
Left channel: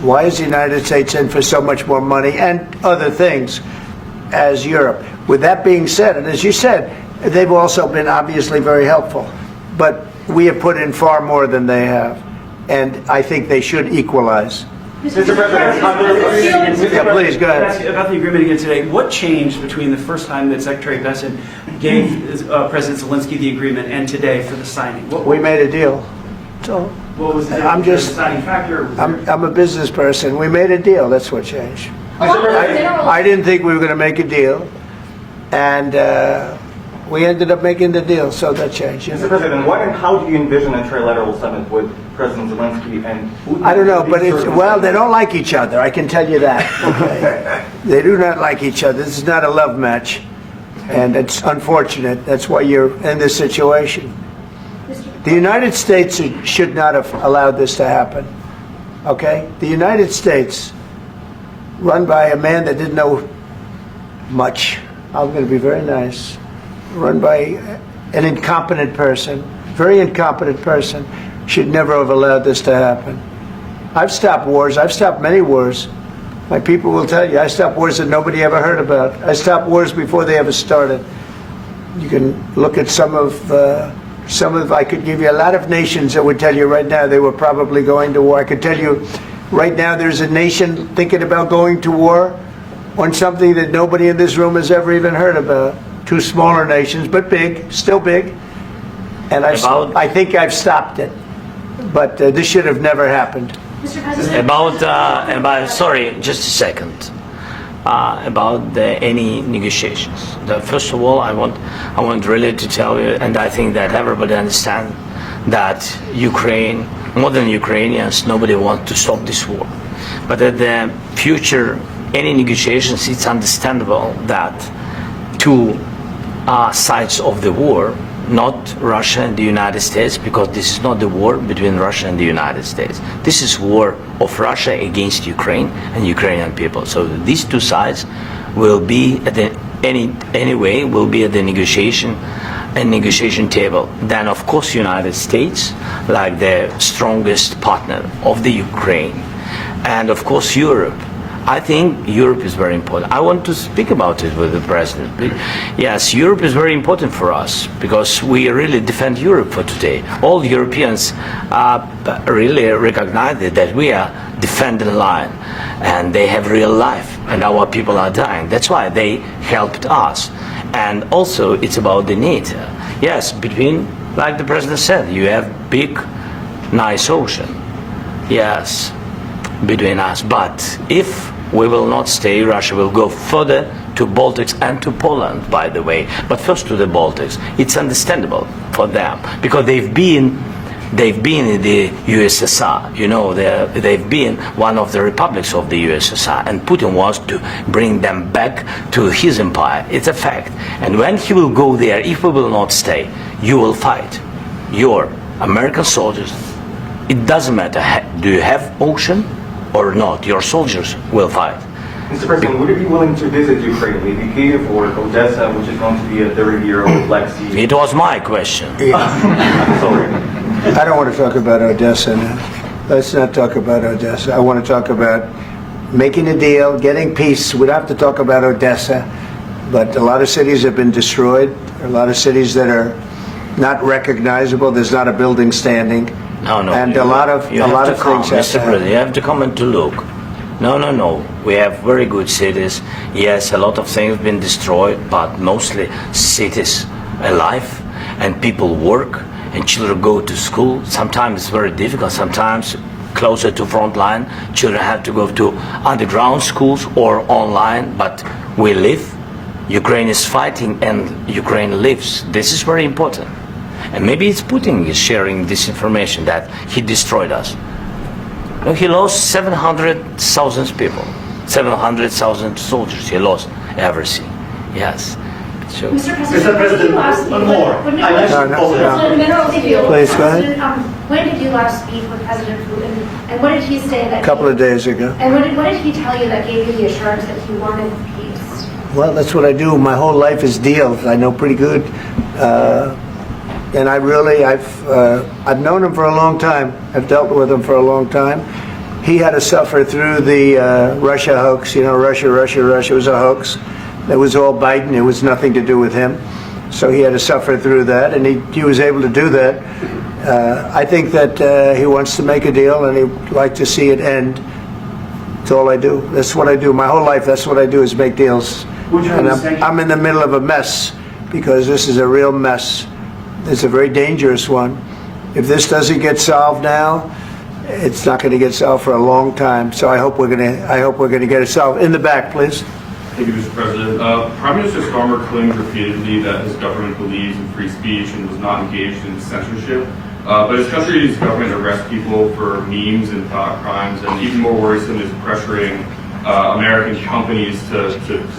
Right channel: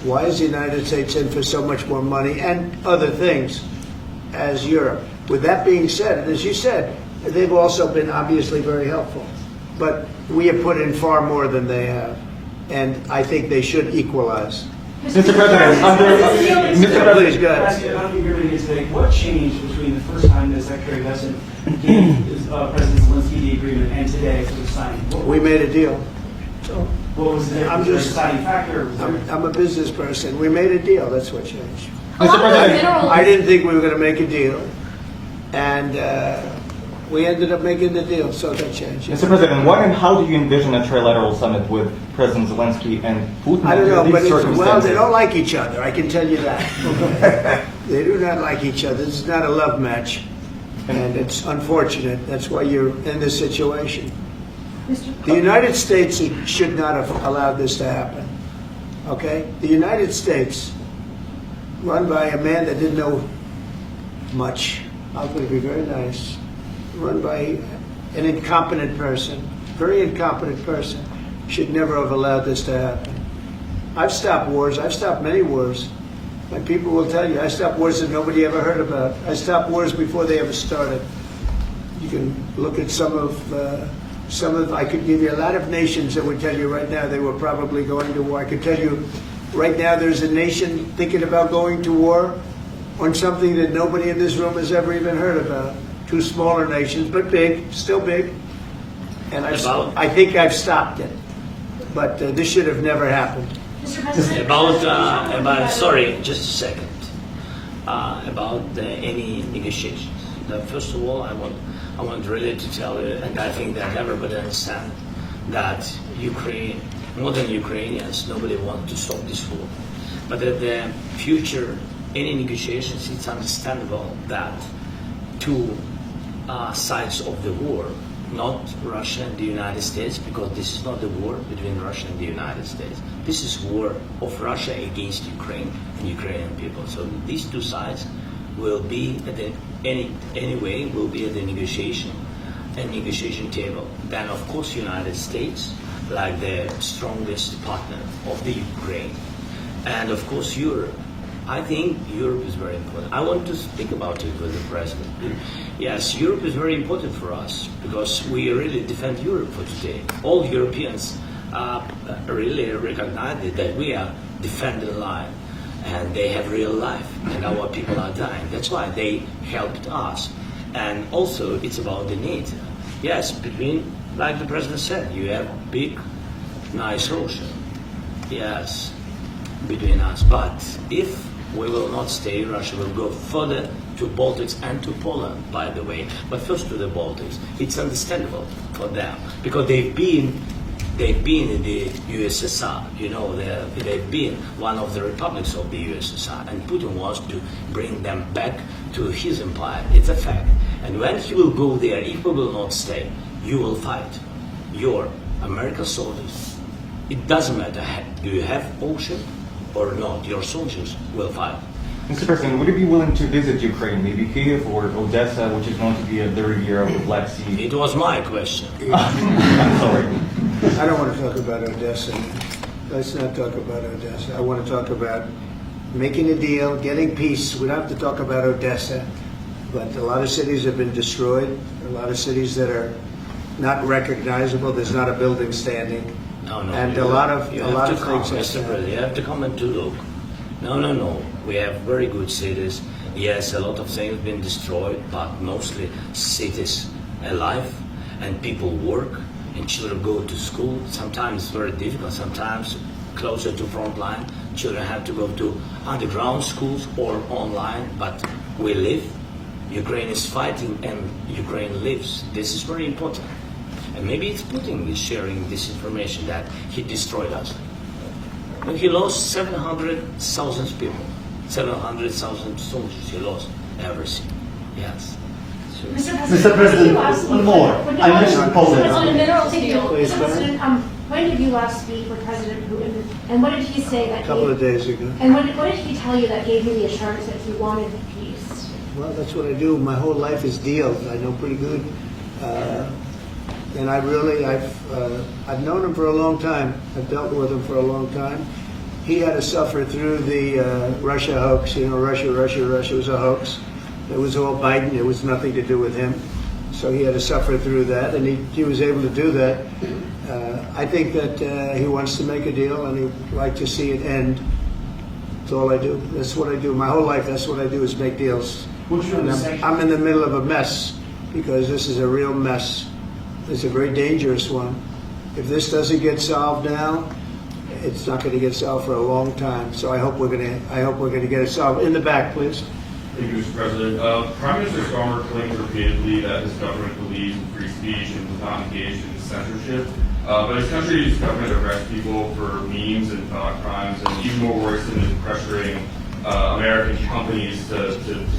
why is the United States in for so much more money and other things as Europe? With that being said, and as you said, they've also been obviously very helpful, but we have put in far more than they have, and I think they should equalize. Mr. President, Please, go ahead. About the agreement again today, what changed between the first time that Secretary Bessent gave President Zelensky the agreement and today for the signing? We made a deal. So What was the I'm just- deciding factor? I'm a business person. We made a deal. That's what changed. Mr. President, I didn't think we were going to make a deal, and we ended up making the deal, so that changed. Mr. President, what and how do you envision a trilateral summit with President Zelensky and Putin. I don't know, under but these well, they circumstances? don't like each other. I can tell you that. Okay? They do not like each other. This is not a love match, and it's unfortunate. That's why you're in this situation. The United States should not have allowed this to happen. Okay? The United States, run by a man that didn't know much. I'm going to be very nice. Run by an incompetent person, very incompetent person, should never have allowed this to happen. I've stopped wars. I've stopped many wars. My people will tell you, I stopped wars that nobody ever heard about. I stopped wars before they ever started. You can look at some of, I could give you a lot of nations that would tell you right now they were probably going to war. I could tell you right now there's a nation thinking about going to war on something that nobody in this room has ever even heard about. Two smaller nations, but big, still big. And I think I've stopped it. But this should have never happened. Mr. President. Sorry, just a second. About any negotiations. First of all, I want really to tell you, and I think that everybody understands that Ukraine, more than Ukrainians, nobody wants to stop this war. But at the future, any negotiations, it's understandable that two sides of the war, not Russia and the United States, because this is not the war between Russia and the United States. This is war of Russia against Ukraine and Ukrainian people. So these two sides will be at the will be at the negotiation table. Then of course United States, like the strongest partner of the Ukraine, and of course Europe. I think Europe is very important. I want to speak about it with the president. Yes, Europe is very important for us because we really defend Europe for today. All Europeans really recognize that we are defending the line and they have real life and our people are dying. That's why they helped us. And also it's about the NATO. Yes, between, like the president said, you have big, nice ocean. Yes, between us. But if we will not stay, Russia will go further to Baltics and to Poland, by the way. But first to the Baltics. It's understandable for them because they've been in the USSR. You know, they've been one of the republics of the USSR, and Putin wants to bring them back to his empire. It's a fact. And when he will go there, if we will not stay, you will fight. Your American soldiers, it doesn't matter, do you have ocean or not, your soldiers will fight. Mr. President, would you be willing to visit Ukraine, maybe Kiev or Odessa, which is going to be a third year of Black Sea? It was my question. I'm sorry. I don't want to talk about Odessa now. Let's not talk about Odessa. I want to talk about making a deal, getting peace. We don't have to talk about Odessa, but a lot of cities have been destroyed. A lot of cities that are not recognizable. There's not a building standing. No. And a lot of things have Mr. to happen. President, you have to come and to look. No. We have very good cities. Yes, a lot of things have been destroyed, but mostly cities alive and people work and children go to school. Sometimes it's very difficult. Sometimes closer to front line, children have to go to underground schools or online, but we live. Ukraine is fighting and Ukraine lives. This is very important. And maybe it's Putin is sharing this information that he destroyed us. No, he lost 700,000 people, 700,000 soldiers. He lost everything. Yes. So, Mr. President, one more. I mentioned Poland. Please, go ahead. When did you last speak with President Putin, and what did he say that? A couple of days ago. And what did he tell you that gave you the assurance that he wanted peace? Well, that's what I do. My whole life is deals. I know pretty good. And I've known him for a long time. I've dealt with him for a long time. He had to suffer through the Russia hoax. You know, Russia was a hoax. It was all Biden. It was nothing to do with him. So he had to suffer through that, and he was able to do that. I think that he wants to make a deal, and he'd like to see it end. That's all I do. That's what I do. My whole life, that's what I do is make deals. And I'm in the middle of a mess because this is a real mess. It's a very dangerous one. If this doesn't get solved now, it's not going to get solved for a long time. So I hope we're going to get it solved. In the back, please. Thank you, Mr. President. Prime Minister Starmer claimed repeatedly that his government believes in free speech and was not engaged in censorship. But his country's government arrests people for memes and thought crimes, and even more worrisome is pressuring American companies to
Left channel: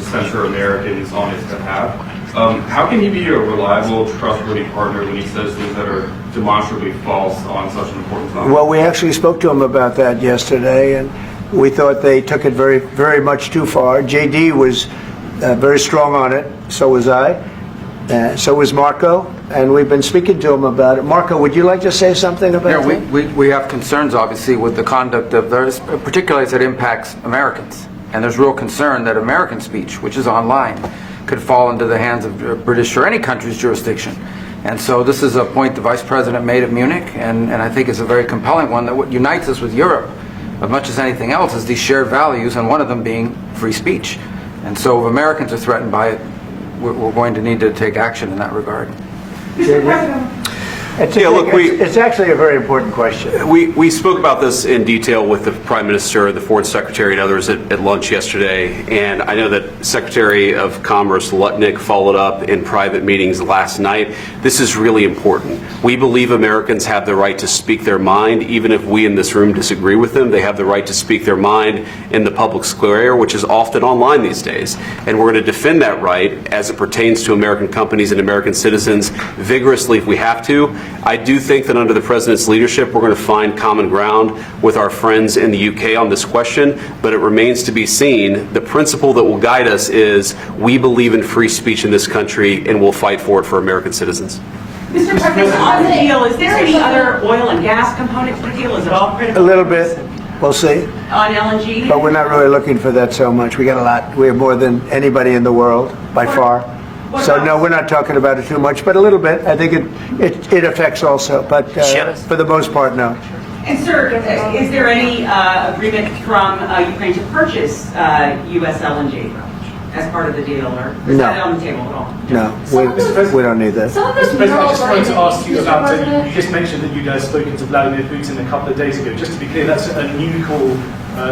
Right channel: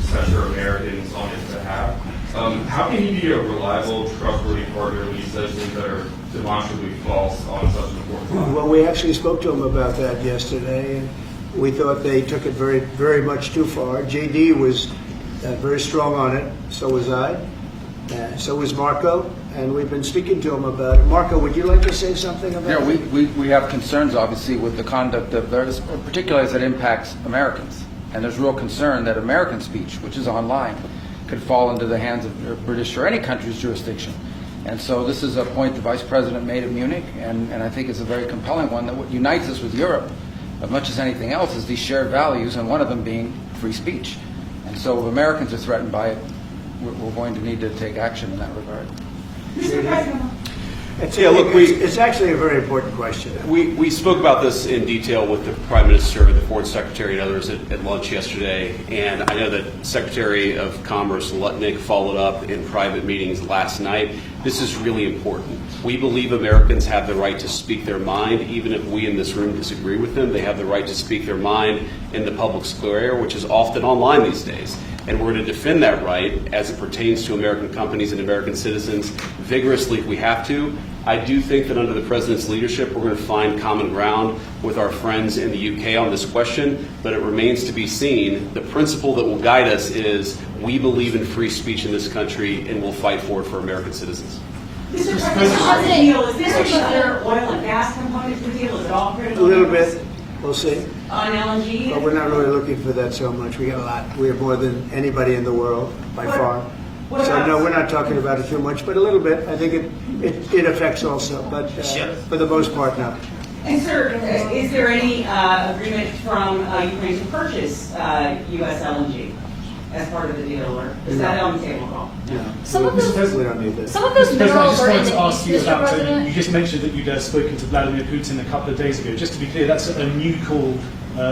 censor Americans on his behalf. How can he be a reliable, trustworthy partner when he says things that are demonstrably false on such an important topic? Well, we actually spoke to him about that yesterday, and we thought they took it very, very much too far. JD was very strong on it. So was I. So was Marco, and we've been speaking to him about it. Marco, would you like to say something about that? We have concerns, obviously, with the conduct of those, particularly as it impacts Americans. And there's real concern that American speech, which is online, could fall into the hands of British or any country's jurisdiction. And so this is a point the Vice President made of Munich, and I think it's a very compelling one, that what unites us with Europe, as much as anything else, is these shared values, and one of them being free speech. And so if Americans are threatened by it, we're going to need to take action in that regard. Mr. President. It's actually a very important question. We spoke about this in detail with the Prime Minister, the Foreign Secretary, and others at lunch yesterday. And I know that Secretary of Commerce Lutnick followed up in private meetings last night. This is really important. We believe Americans have the right to speak their mind, even if we in this room disagree with them. They have the right to speak their mind in the public square, which is often online these days. And we're going to defend that right as it pertains to American companies and American citizens vigorously if we have to. I do think that under the President's leadership, we're going to find common ground with our friends in the UK on this question, but it remains to be seen. The principle that will guide us is we believe in free speech in this country, and we'll fight for it for American citizens. Mr. President, on the deal, is there any other oil and gas component to the deal? Is it all critical? A little bit. We'll see. On LNG? But we're not really looking for that so much. We got a lot. We have more than anybody in the world, by far. So no, we're not talking about it too much, but a little bit. I think it affects also, but for the most part, no. And sir, is there any agreement from Ukraine to purchase U.S. LNG as part of the deal, or is that on the table at all? No, we don't need that. Mr. President, I just wanted to ask you about, you just mentioned that you guys spoken to Vladimir Putin a couple of days ago. Just to be clear, that's a new call,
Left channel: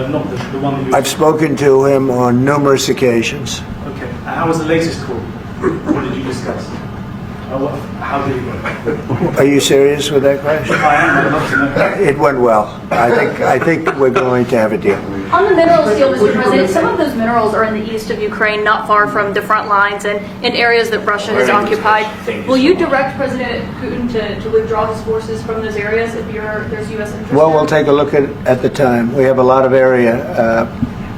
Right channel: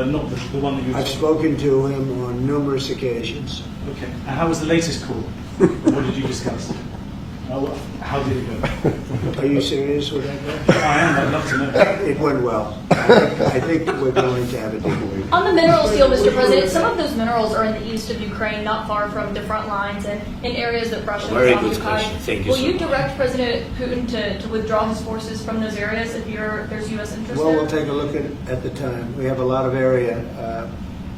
not the one that you... I've spoken to him on numerous occasions. Okay, and how was the latest call? What did you discuss? How did it go? Are you serious with that question? I am. I'd love to know. It went well. I think we're going to have a deal. On the minerals deal, Mr. President, some of those minerals are in the east of Ukraine, not far from the front lines and in areas that Russia has occupied. Will you direct President Putin to withdraw his forces from those areas if there's U.S. interest? Well, we'll take a look at the time. We have a lot of area.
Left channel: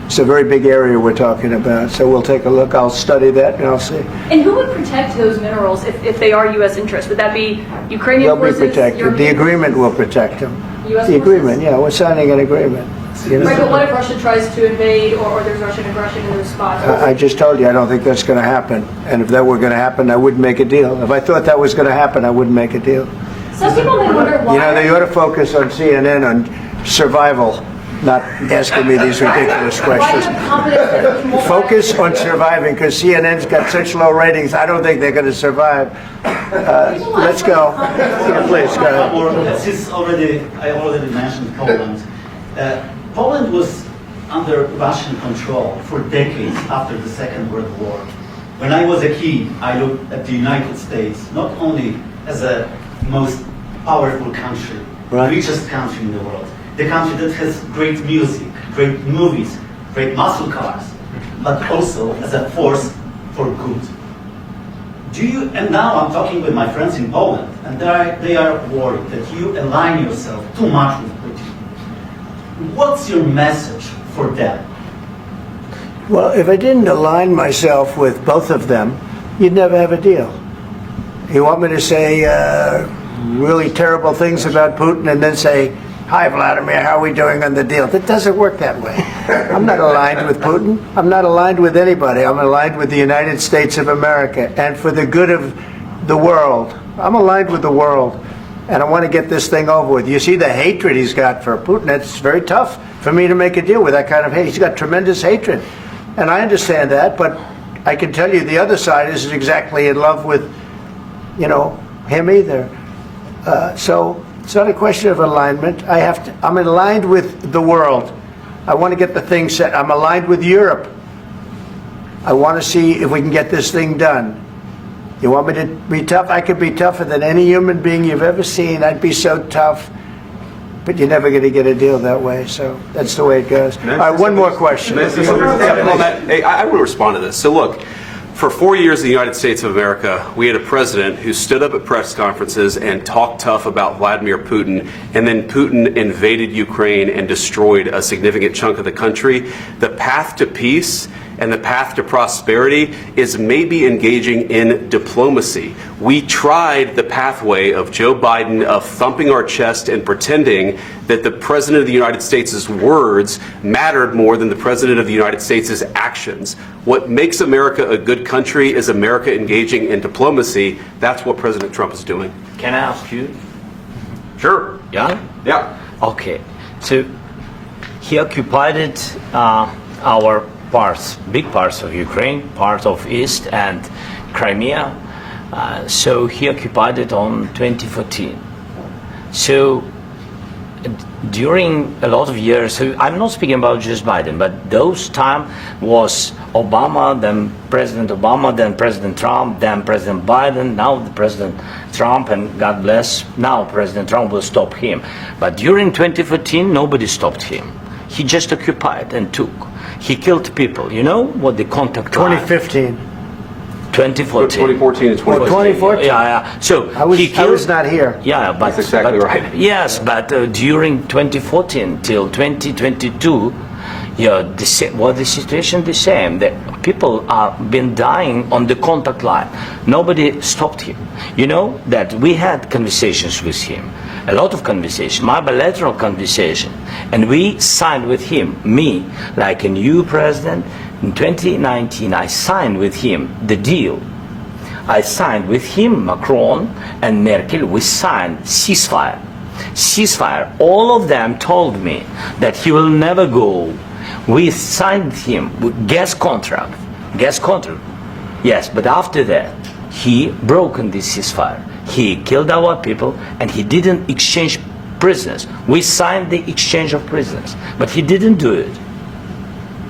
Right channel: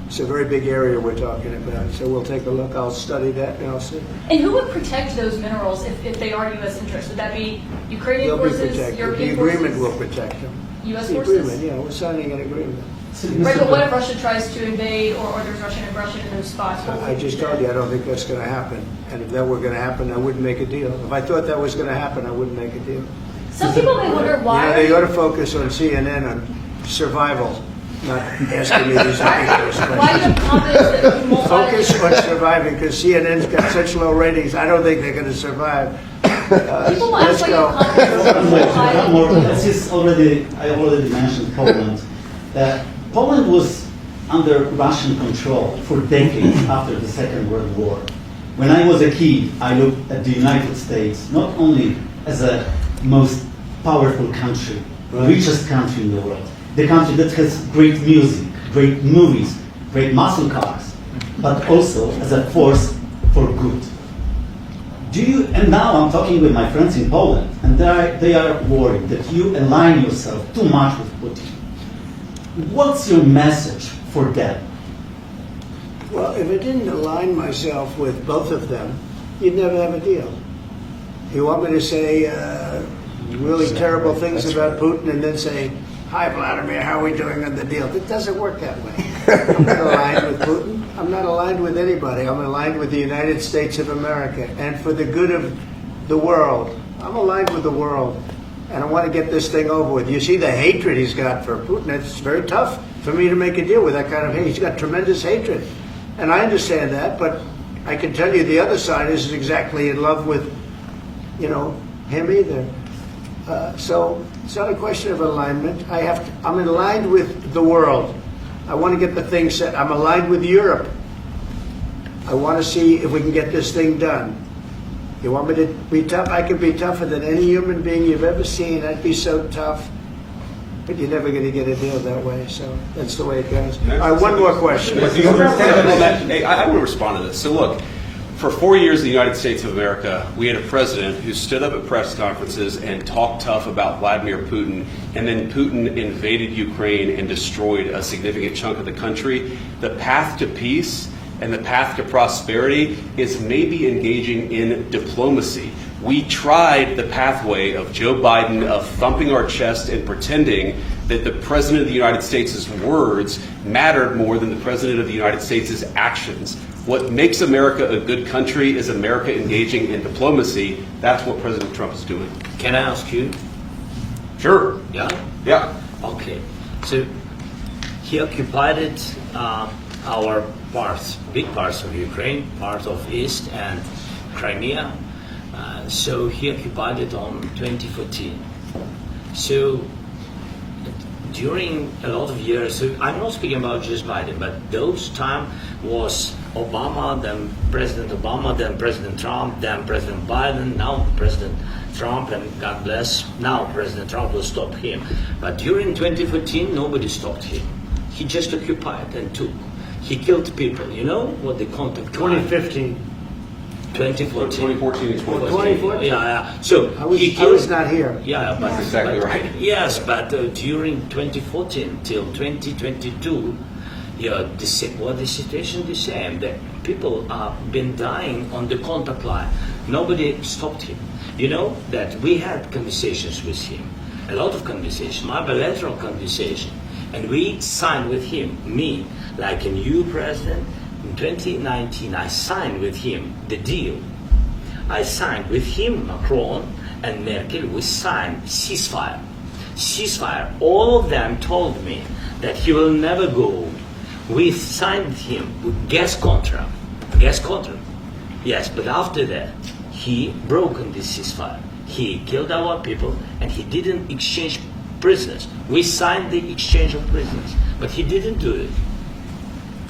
It's a very big area we're talking about, so we'll take a look. I'll study that and I'll see. And who would protect those minerals if they are U.S. interests? Would that be Ukrainian forces? They'll be protected. European The agreement forces? will protect them. U.S. The forces? agreement, yeah, we're signing an agreement. You know? Right, but what if Russia tries to invade or there's Russian aggression in those spots? I just told you I don't think that's going to happen. And if that were going to happen, I wouldn't make a deal. If I thought that was going to happen, I wouldn't make a deal. Some people may wonder why. You know, they ought to focus on CNN on survival, not asking me these ridiculous questions. Focus on surviving, because CNN's got such low ratings. I don't think they're going to survive. Let's go. Please go. I already mentioned Poland. Poland was under Russian control for decades after the Second World War. When I was a kid, I looked at the United States not only as a most powerful country, richest country in the world, the country that has great music, great movies, great muscle cars, but also as a force for good. And now I'm talking with my friends in Poland, and they are worried that you align yourself too much with Putin. What's your message for them? Well, if I didn't align myself with both of them, you'd never have a deal. You want me to say really terrible things about Putin and then say, "Hi, Vladimir, how are we doing on the deal?" That doesn't work that way. I'm not aligned with Putin. I'm not aligned with anybody. I'm aligned with the United States of America and for the good of the world. I'm aligned with the world, and I want to get this thing over with. You see the hatred he's got for Putin. It's very tough for me to make a deal with that kind of hate. He's got tremendous hatred, and I understand that, but I can tell you the other side isn't exactly in love with, him either. So it's not a question of alignment. I'm aligned with the world. I want to get the thing set. I'm aligned with Europe. I want to see if we can get this thing done. You want me to be tough? I could be tougher than any human being you've ever seen. I'd be so tough. But you're never going to get a deal that way, so that's the way it goes. All right, one more question. Hey, I want to respond to this. So look, for 4 years in the United States of America, we had a president who stood up at press conferences and talked tough about Vladimir Putin, and then Putin invaded Ukraine and destroyed a significant chunk of the country. The path to peace and the path to prosperity is maybe engaging in diplomacy. We tried the pathway of Joe Biden of thumping our chest and pretending that the President of the United States' words mattered more than the President of the United States' actions. What makes America a good country is America engaging in diplomacy. That's what President Trump is doing. Can I ask you? Sure. Yeah? Yeah. Okay. So he occupied our parts, big parts of Ukraine, part of East and Crimea. So he occupied it on 2014. So during a lot of years, so I'm not speaking about just Biden, but those time was Obama, then President Obama, then President Trump, then President Biden, now President Trump, and God bless, now President Trump will stop him. But during 2014, nobody stopped him. He just occupied and took. He killed people. You know what the contact 2015. 2014. 2014 and 2014. 2014. Yeah. So I was not here. Yeah, but that's exactly right. Yes, but during 2014 till 2022, yeah, the situation the same. That people are been dying on the contact line. Nobody stopped him. You know that we had conversations with him, a lot of conversation, my bilateral conversation, and we signed with him. Me, like a new president. In 2019, I signed with him the deal. I signed with him, Macron and Merkel, we signed ceasefire. Ceasefire. All of them told me that he will never go. We signed him with gas contract. Gas contract. Yes, but after that, he broken this ceasefire. He killed our people and he didn't exchange prisoners. We signed the exchange of prisoners, but he didn't do it.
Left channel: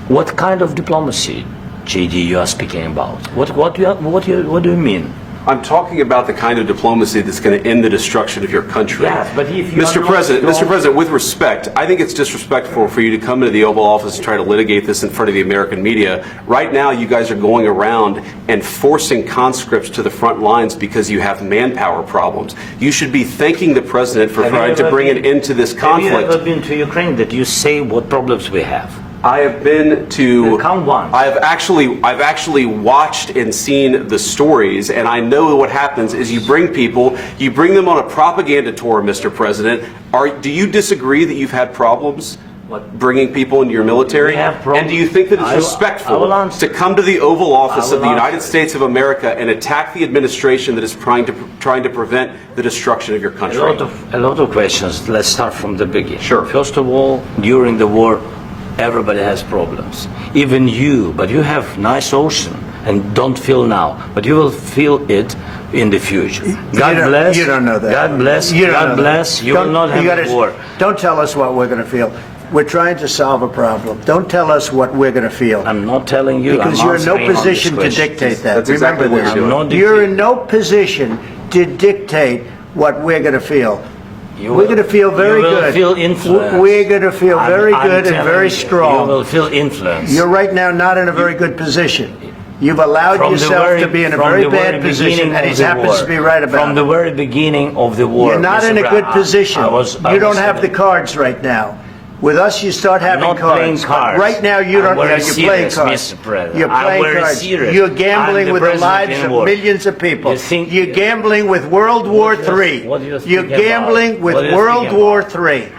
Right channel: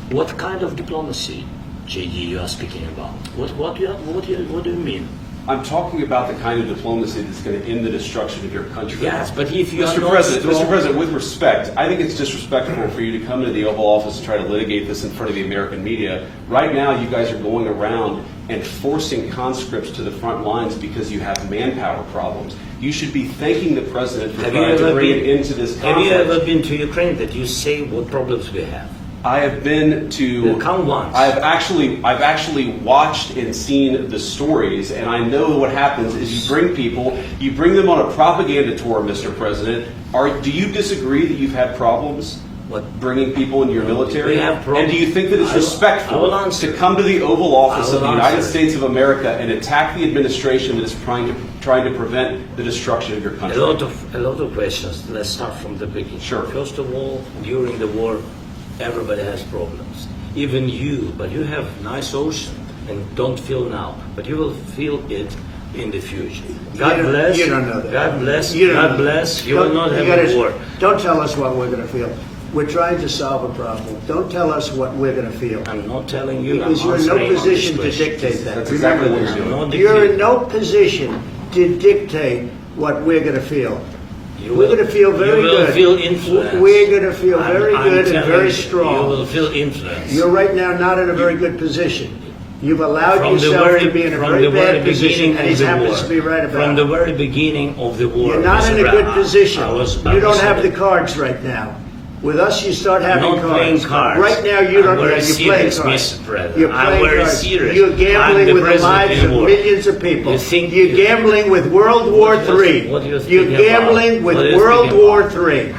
What kind of diplomacy, JD, you are speaking about? What do you mean? I'm talking about the kind of diplomacy that's going to end the destruction of your country. Yes, but if you Mr. President, with respect, I think it's disrespectful for you to come into the Oval Office and try to litigate this in front of the American media. Right now, you guys are going around and forcing conscripts to the front lines because you have manpower problems. You should be thanking the President for trying to bring it into this conflict. Have you ever been to Ukraine that you say what problems we have? I have been to. Count once. I've actually watched and seen the stories, and I know what happens is you bring them on a propaganda tour, Mr. President. Do you disagree that you've had problems bringing people into your military? And do you think that it's respectful to come to the Oval Office of the United States of America and attack the administration that is trying to prevent the destruction of your country? A lot of questions. Let's start from the beginning. Sure. First of all, during the war, everybody has problems. Even you, but you have nice ocean and don't feel now, but you will feel it in the future. God bless. You don't know that. God bless. You don't God know bless. that. You will not have a war. Don't tell us what we're going to feel. We're trying to solve a problem. Don't tell us what we're going to feel. I'm not telling you. Because you're in no position to dictate that. That's exactly what you're doing. You're in no position to dictate what we're going to feel. We're going to feel very good. Feel influenced. We're going to feel very good and very strong. You will feel influenced. You're right now not in a very good position. You've allowed yourself to be in a very bad position, and he happens to be right about it. From the very beginning of the war. You're not in a good position. You don't have the cards right now. With us, you start having cards. Right now, you don't. You're playing cards. You're playing cards. You're gambling with the lives of millions of people. You're gambling with World War III. You're gambling with World War III.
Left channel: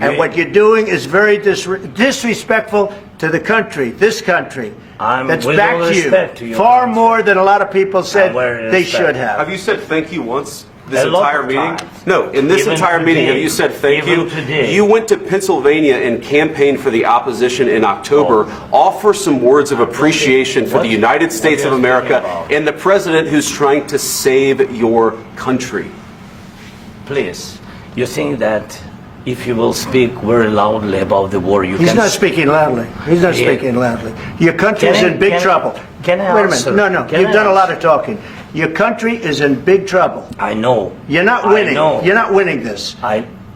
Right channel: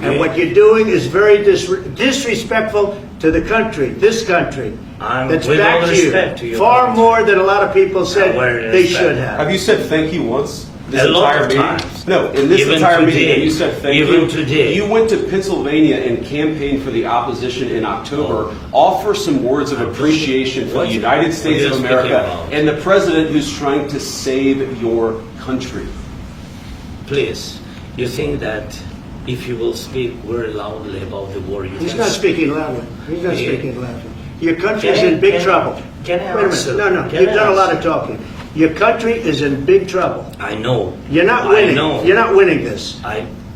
And what you're doing is very disrespectful to the country, this country. That's backed you far more than a lot of people said they should have. Have you said thank you once? This entire meeting? No, in this entire meeting, have you said thank you? You went to Pennsylvania and campaigned for the opposition in October. Offer some words of appreciation for the United States of America and the president who's trying to save your country. Please, you think that if you will speak very loudly about the war, He's not speaking loudly. He's not speaking loudly. Your country's in big trouble. Can I Wait a minute. No. You've done a lot of talking. Your country is in big trouble. I know. You're not I winning. know. You're not winning this.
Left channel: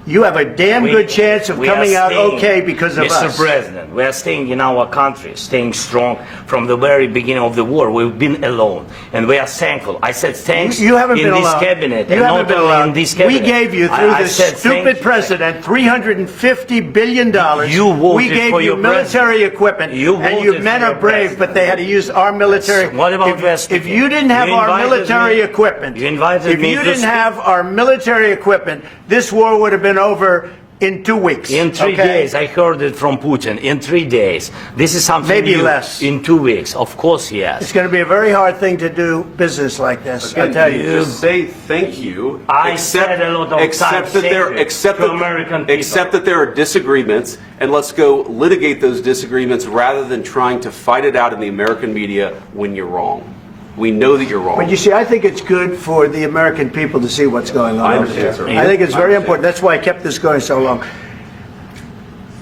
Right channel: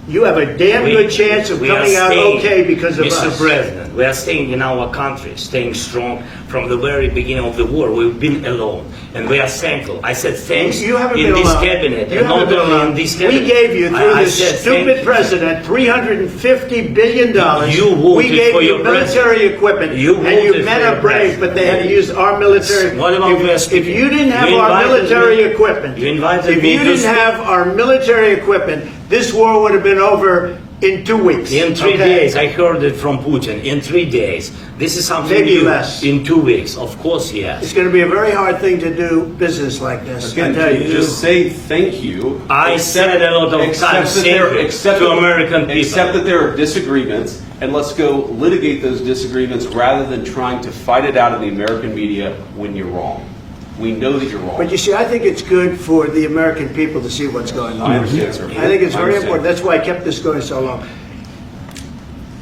You have a damn good chance of coming out okay because of us. Mr. President, we are staying in our country, staying strong from the very beginning of the war. We've been alone, and we are thankful. I said thanks You haven't in been this alone. cabinet, You and haven't not been only alone. in this cabinet. We gave you, through I this said stupid president, $350 billion. You voted we gave for you your military president. equipment, You and you voted men for are your brave, president. but they had to use our military. What about US If people? you didn't have You our invited military me- equipment, you invited if me you to didn't speak- have our military equipment, this war would have been over in 2 weeks. In 3 okay? days, I heard it from Putin. In 3 days, this is something Maybe new. less. In 2 weeks, of course, yes. It's going to be a very hard thing to do business like this. I Again, tell you. just say thank you. I said a lot of times to American people. Accept that there are disagreements, and let's go litigate those disagreements rather than trying to fight it out in the American media when you're wrong. We know that you're wrong. But you see, I think it's good for the American people to see what's going on. I understand, sir. I think it's I very understand. important. That's why I kept this going so long.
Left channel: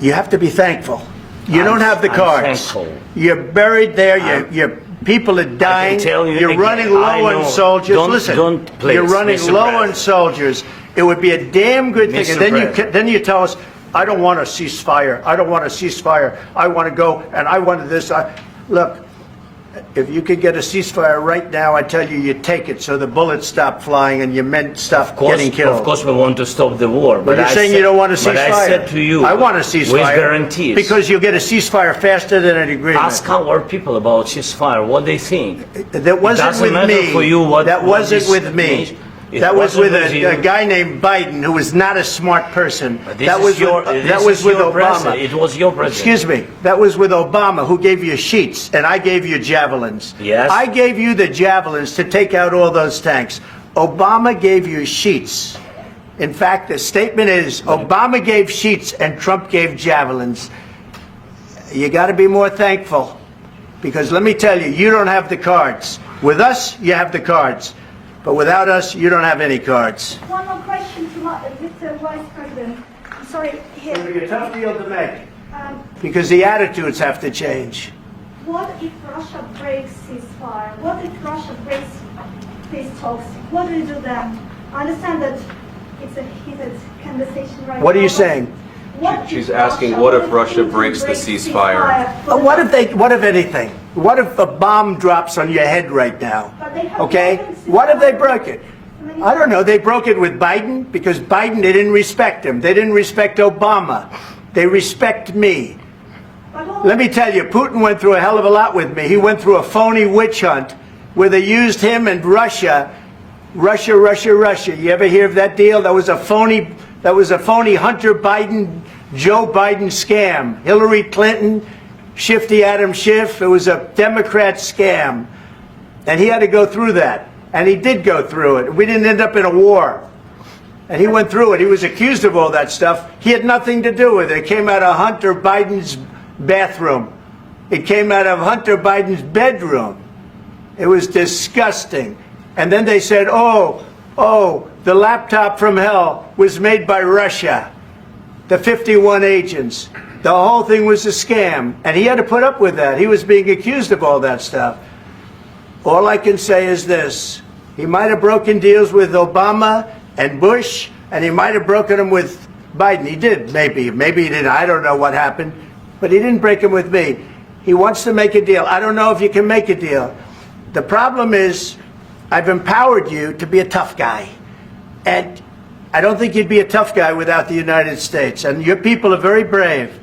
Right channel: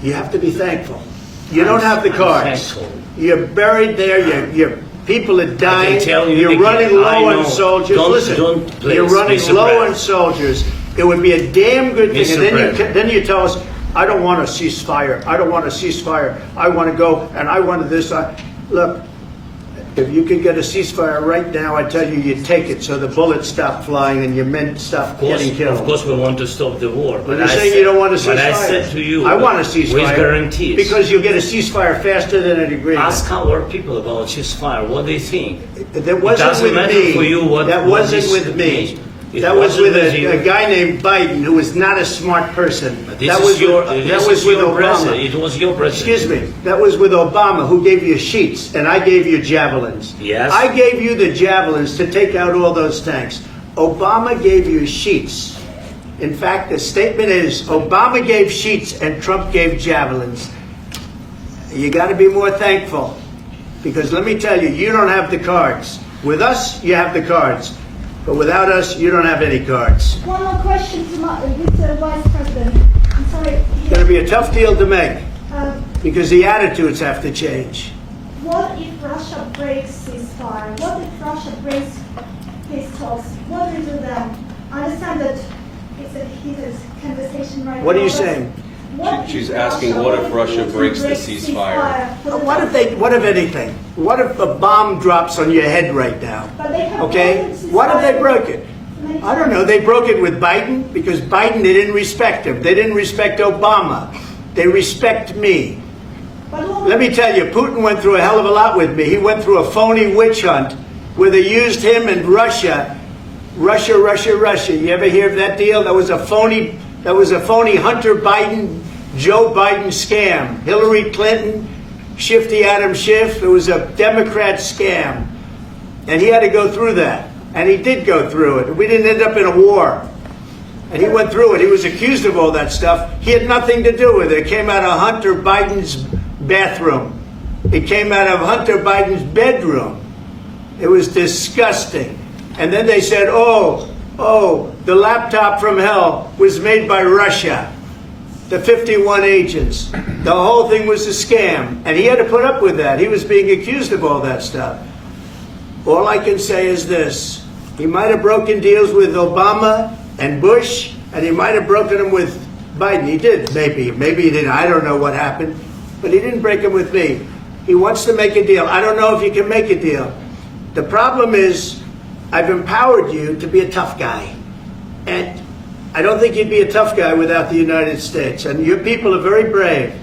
You have to be thankful. You don't have the I'm cards. thankful. You're buried there. Your people are dying. tell you You're again, running I low know. on soldiers. Don't- Listen, don't please, you're running Mr. low on President. soldiers. It would be a damn good thing. Mr. And then President. then you tell us, I don't want a ceasefire. I don't want a ceasefire. I want to go and I want this. Look, if you could get a ceasefire right now, I tell you, you take it so the bullets stop flying and your men stop getting killed. Of course, we want to stop the war. But you're I saying said- you don't want a ceasefire. But I said to you, I want a ceasefire. with guarantees. Because you'll get a ceasefire faster than an agreement. Ask our people about ceasefire, what they think. That wasn't it doesn't with matter me. for you what that what wasn't is- with me. It That was wasn't with you. a guy named Biden who was not a smart person. This That is was your- with, this that was is with your Obama. president. It was your president. Excuse me. That was with Obama, who gave you sheets, and I gave you javelins. Yes. I gave you the javelins to take out all those tanks. Obama gave you sheets. In fact, the statement is Obama gave sheets and Trump gave javelins. You got to be more thankful, because let me tell you, you don't have the cards. With us, you have the cards. But without us, you don't have any cards. One more question to Mr. Vice President. I'm sorry. It's going to be a tough deal to make, Um, because the attitudes have to change. what if Russia breaks ceasefire? What if Russia breaks peace talks? What do we do then? I understand that it's a heated conversation right now. What are you but saying? what She's if asking, Russia- what if if Russia Putin breaks the ceasefire? What if anything? What if a bomb drops on your head right now? But they have Okay? broken ceasefire What if they broke it? many I don't know. They broke it with Biden because Biden, they didn't respect him. They didn't respect Obama. They respect me. Let me tell you, Putin went through a hell of a lot with me. He went through a phony witch hunt where they used him and Russia. Russia. You ever hear of that deal? That was a phony Hunter Biden, Joe Biden scam. Hillary Clinton, Shifty Adam Schiff. It was a Democrat scam. And he had to go through that. And he did go through it. We didn't end up in a war. And he went through it. He was accused of all that stuff. He had nothing to do with it. It came out of Hunter Biden's bathroom. It came out of Hunter Biden's bedroom. It was disgusting. And then they said, oh, the laptop from hell was made by Russia. The 51 agents. The whole thing was a scam. And he had to put up with that. He was being accused of all that stuff. All I can say is this. He might have broken deals with Obama and Bush, and he might have broken them with Biden. He did, maybe. Maybe he didn't. I don't know what happened. But he didn't break them with me. He wants to make a deal. I don't know if you can make a deal. The problem is, I've empowered you to be a tough guy. And I don't think you'd be a tough guy without the United States. And your people are very brave.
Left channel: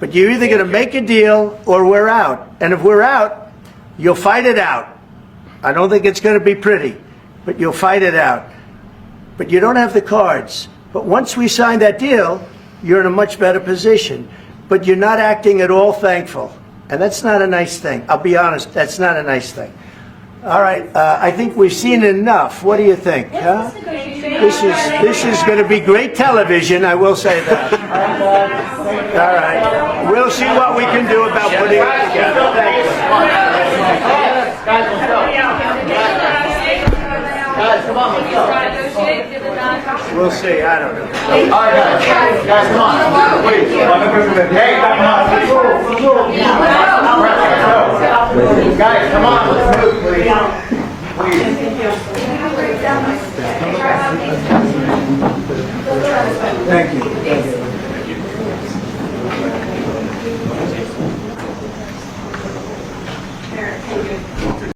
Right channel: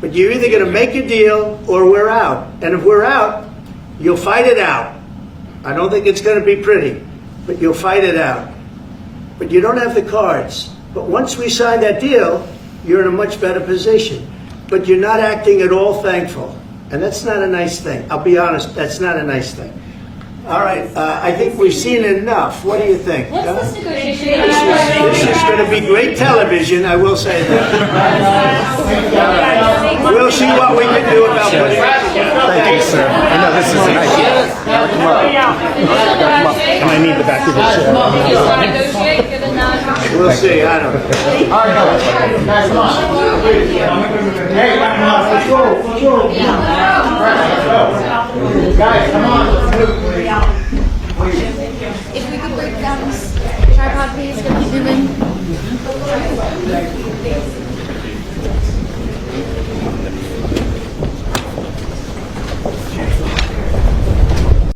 But you're either going to make a deal or we're out. And if we're out, you'll fight it out. I don't think it's going to be pretty, but you'll fight it out. But you don't have the cards. But once we sign that deal, you're in a much better position. But you're not acting at all thankful. And that's not a nice thing. I'll be honest, that's not a nice thing. All right, I think we've seen enough. What do you think? Huh? This is going to be great television, I will say that. All right. We'll see what we can do about putting it together. Thanks, sir. I need the back of this. We'll see. I don't know. Guys, come on. Wait, hey, let's go. Guys, come on. Let's move.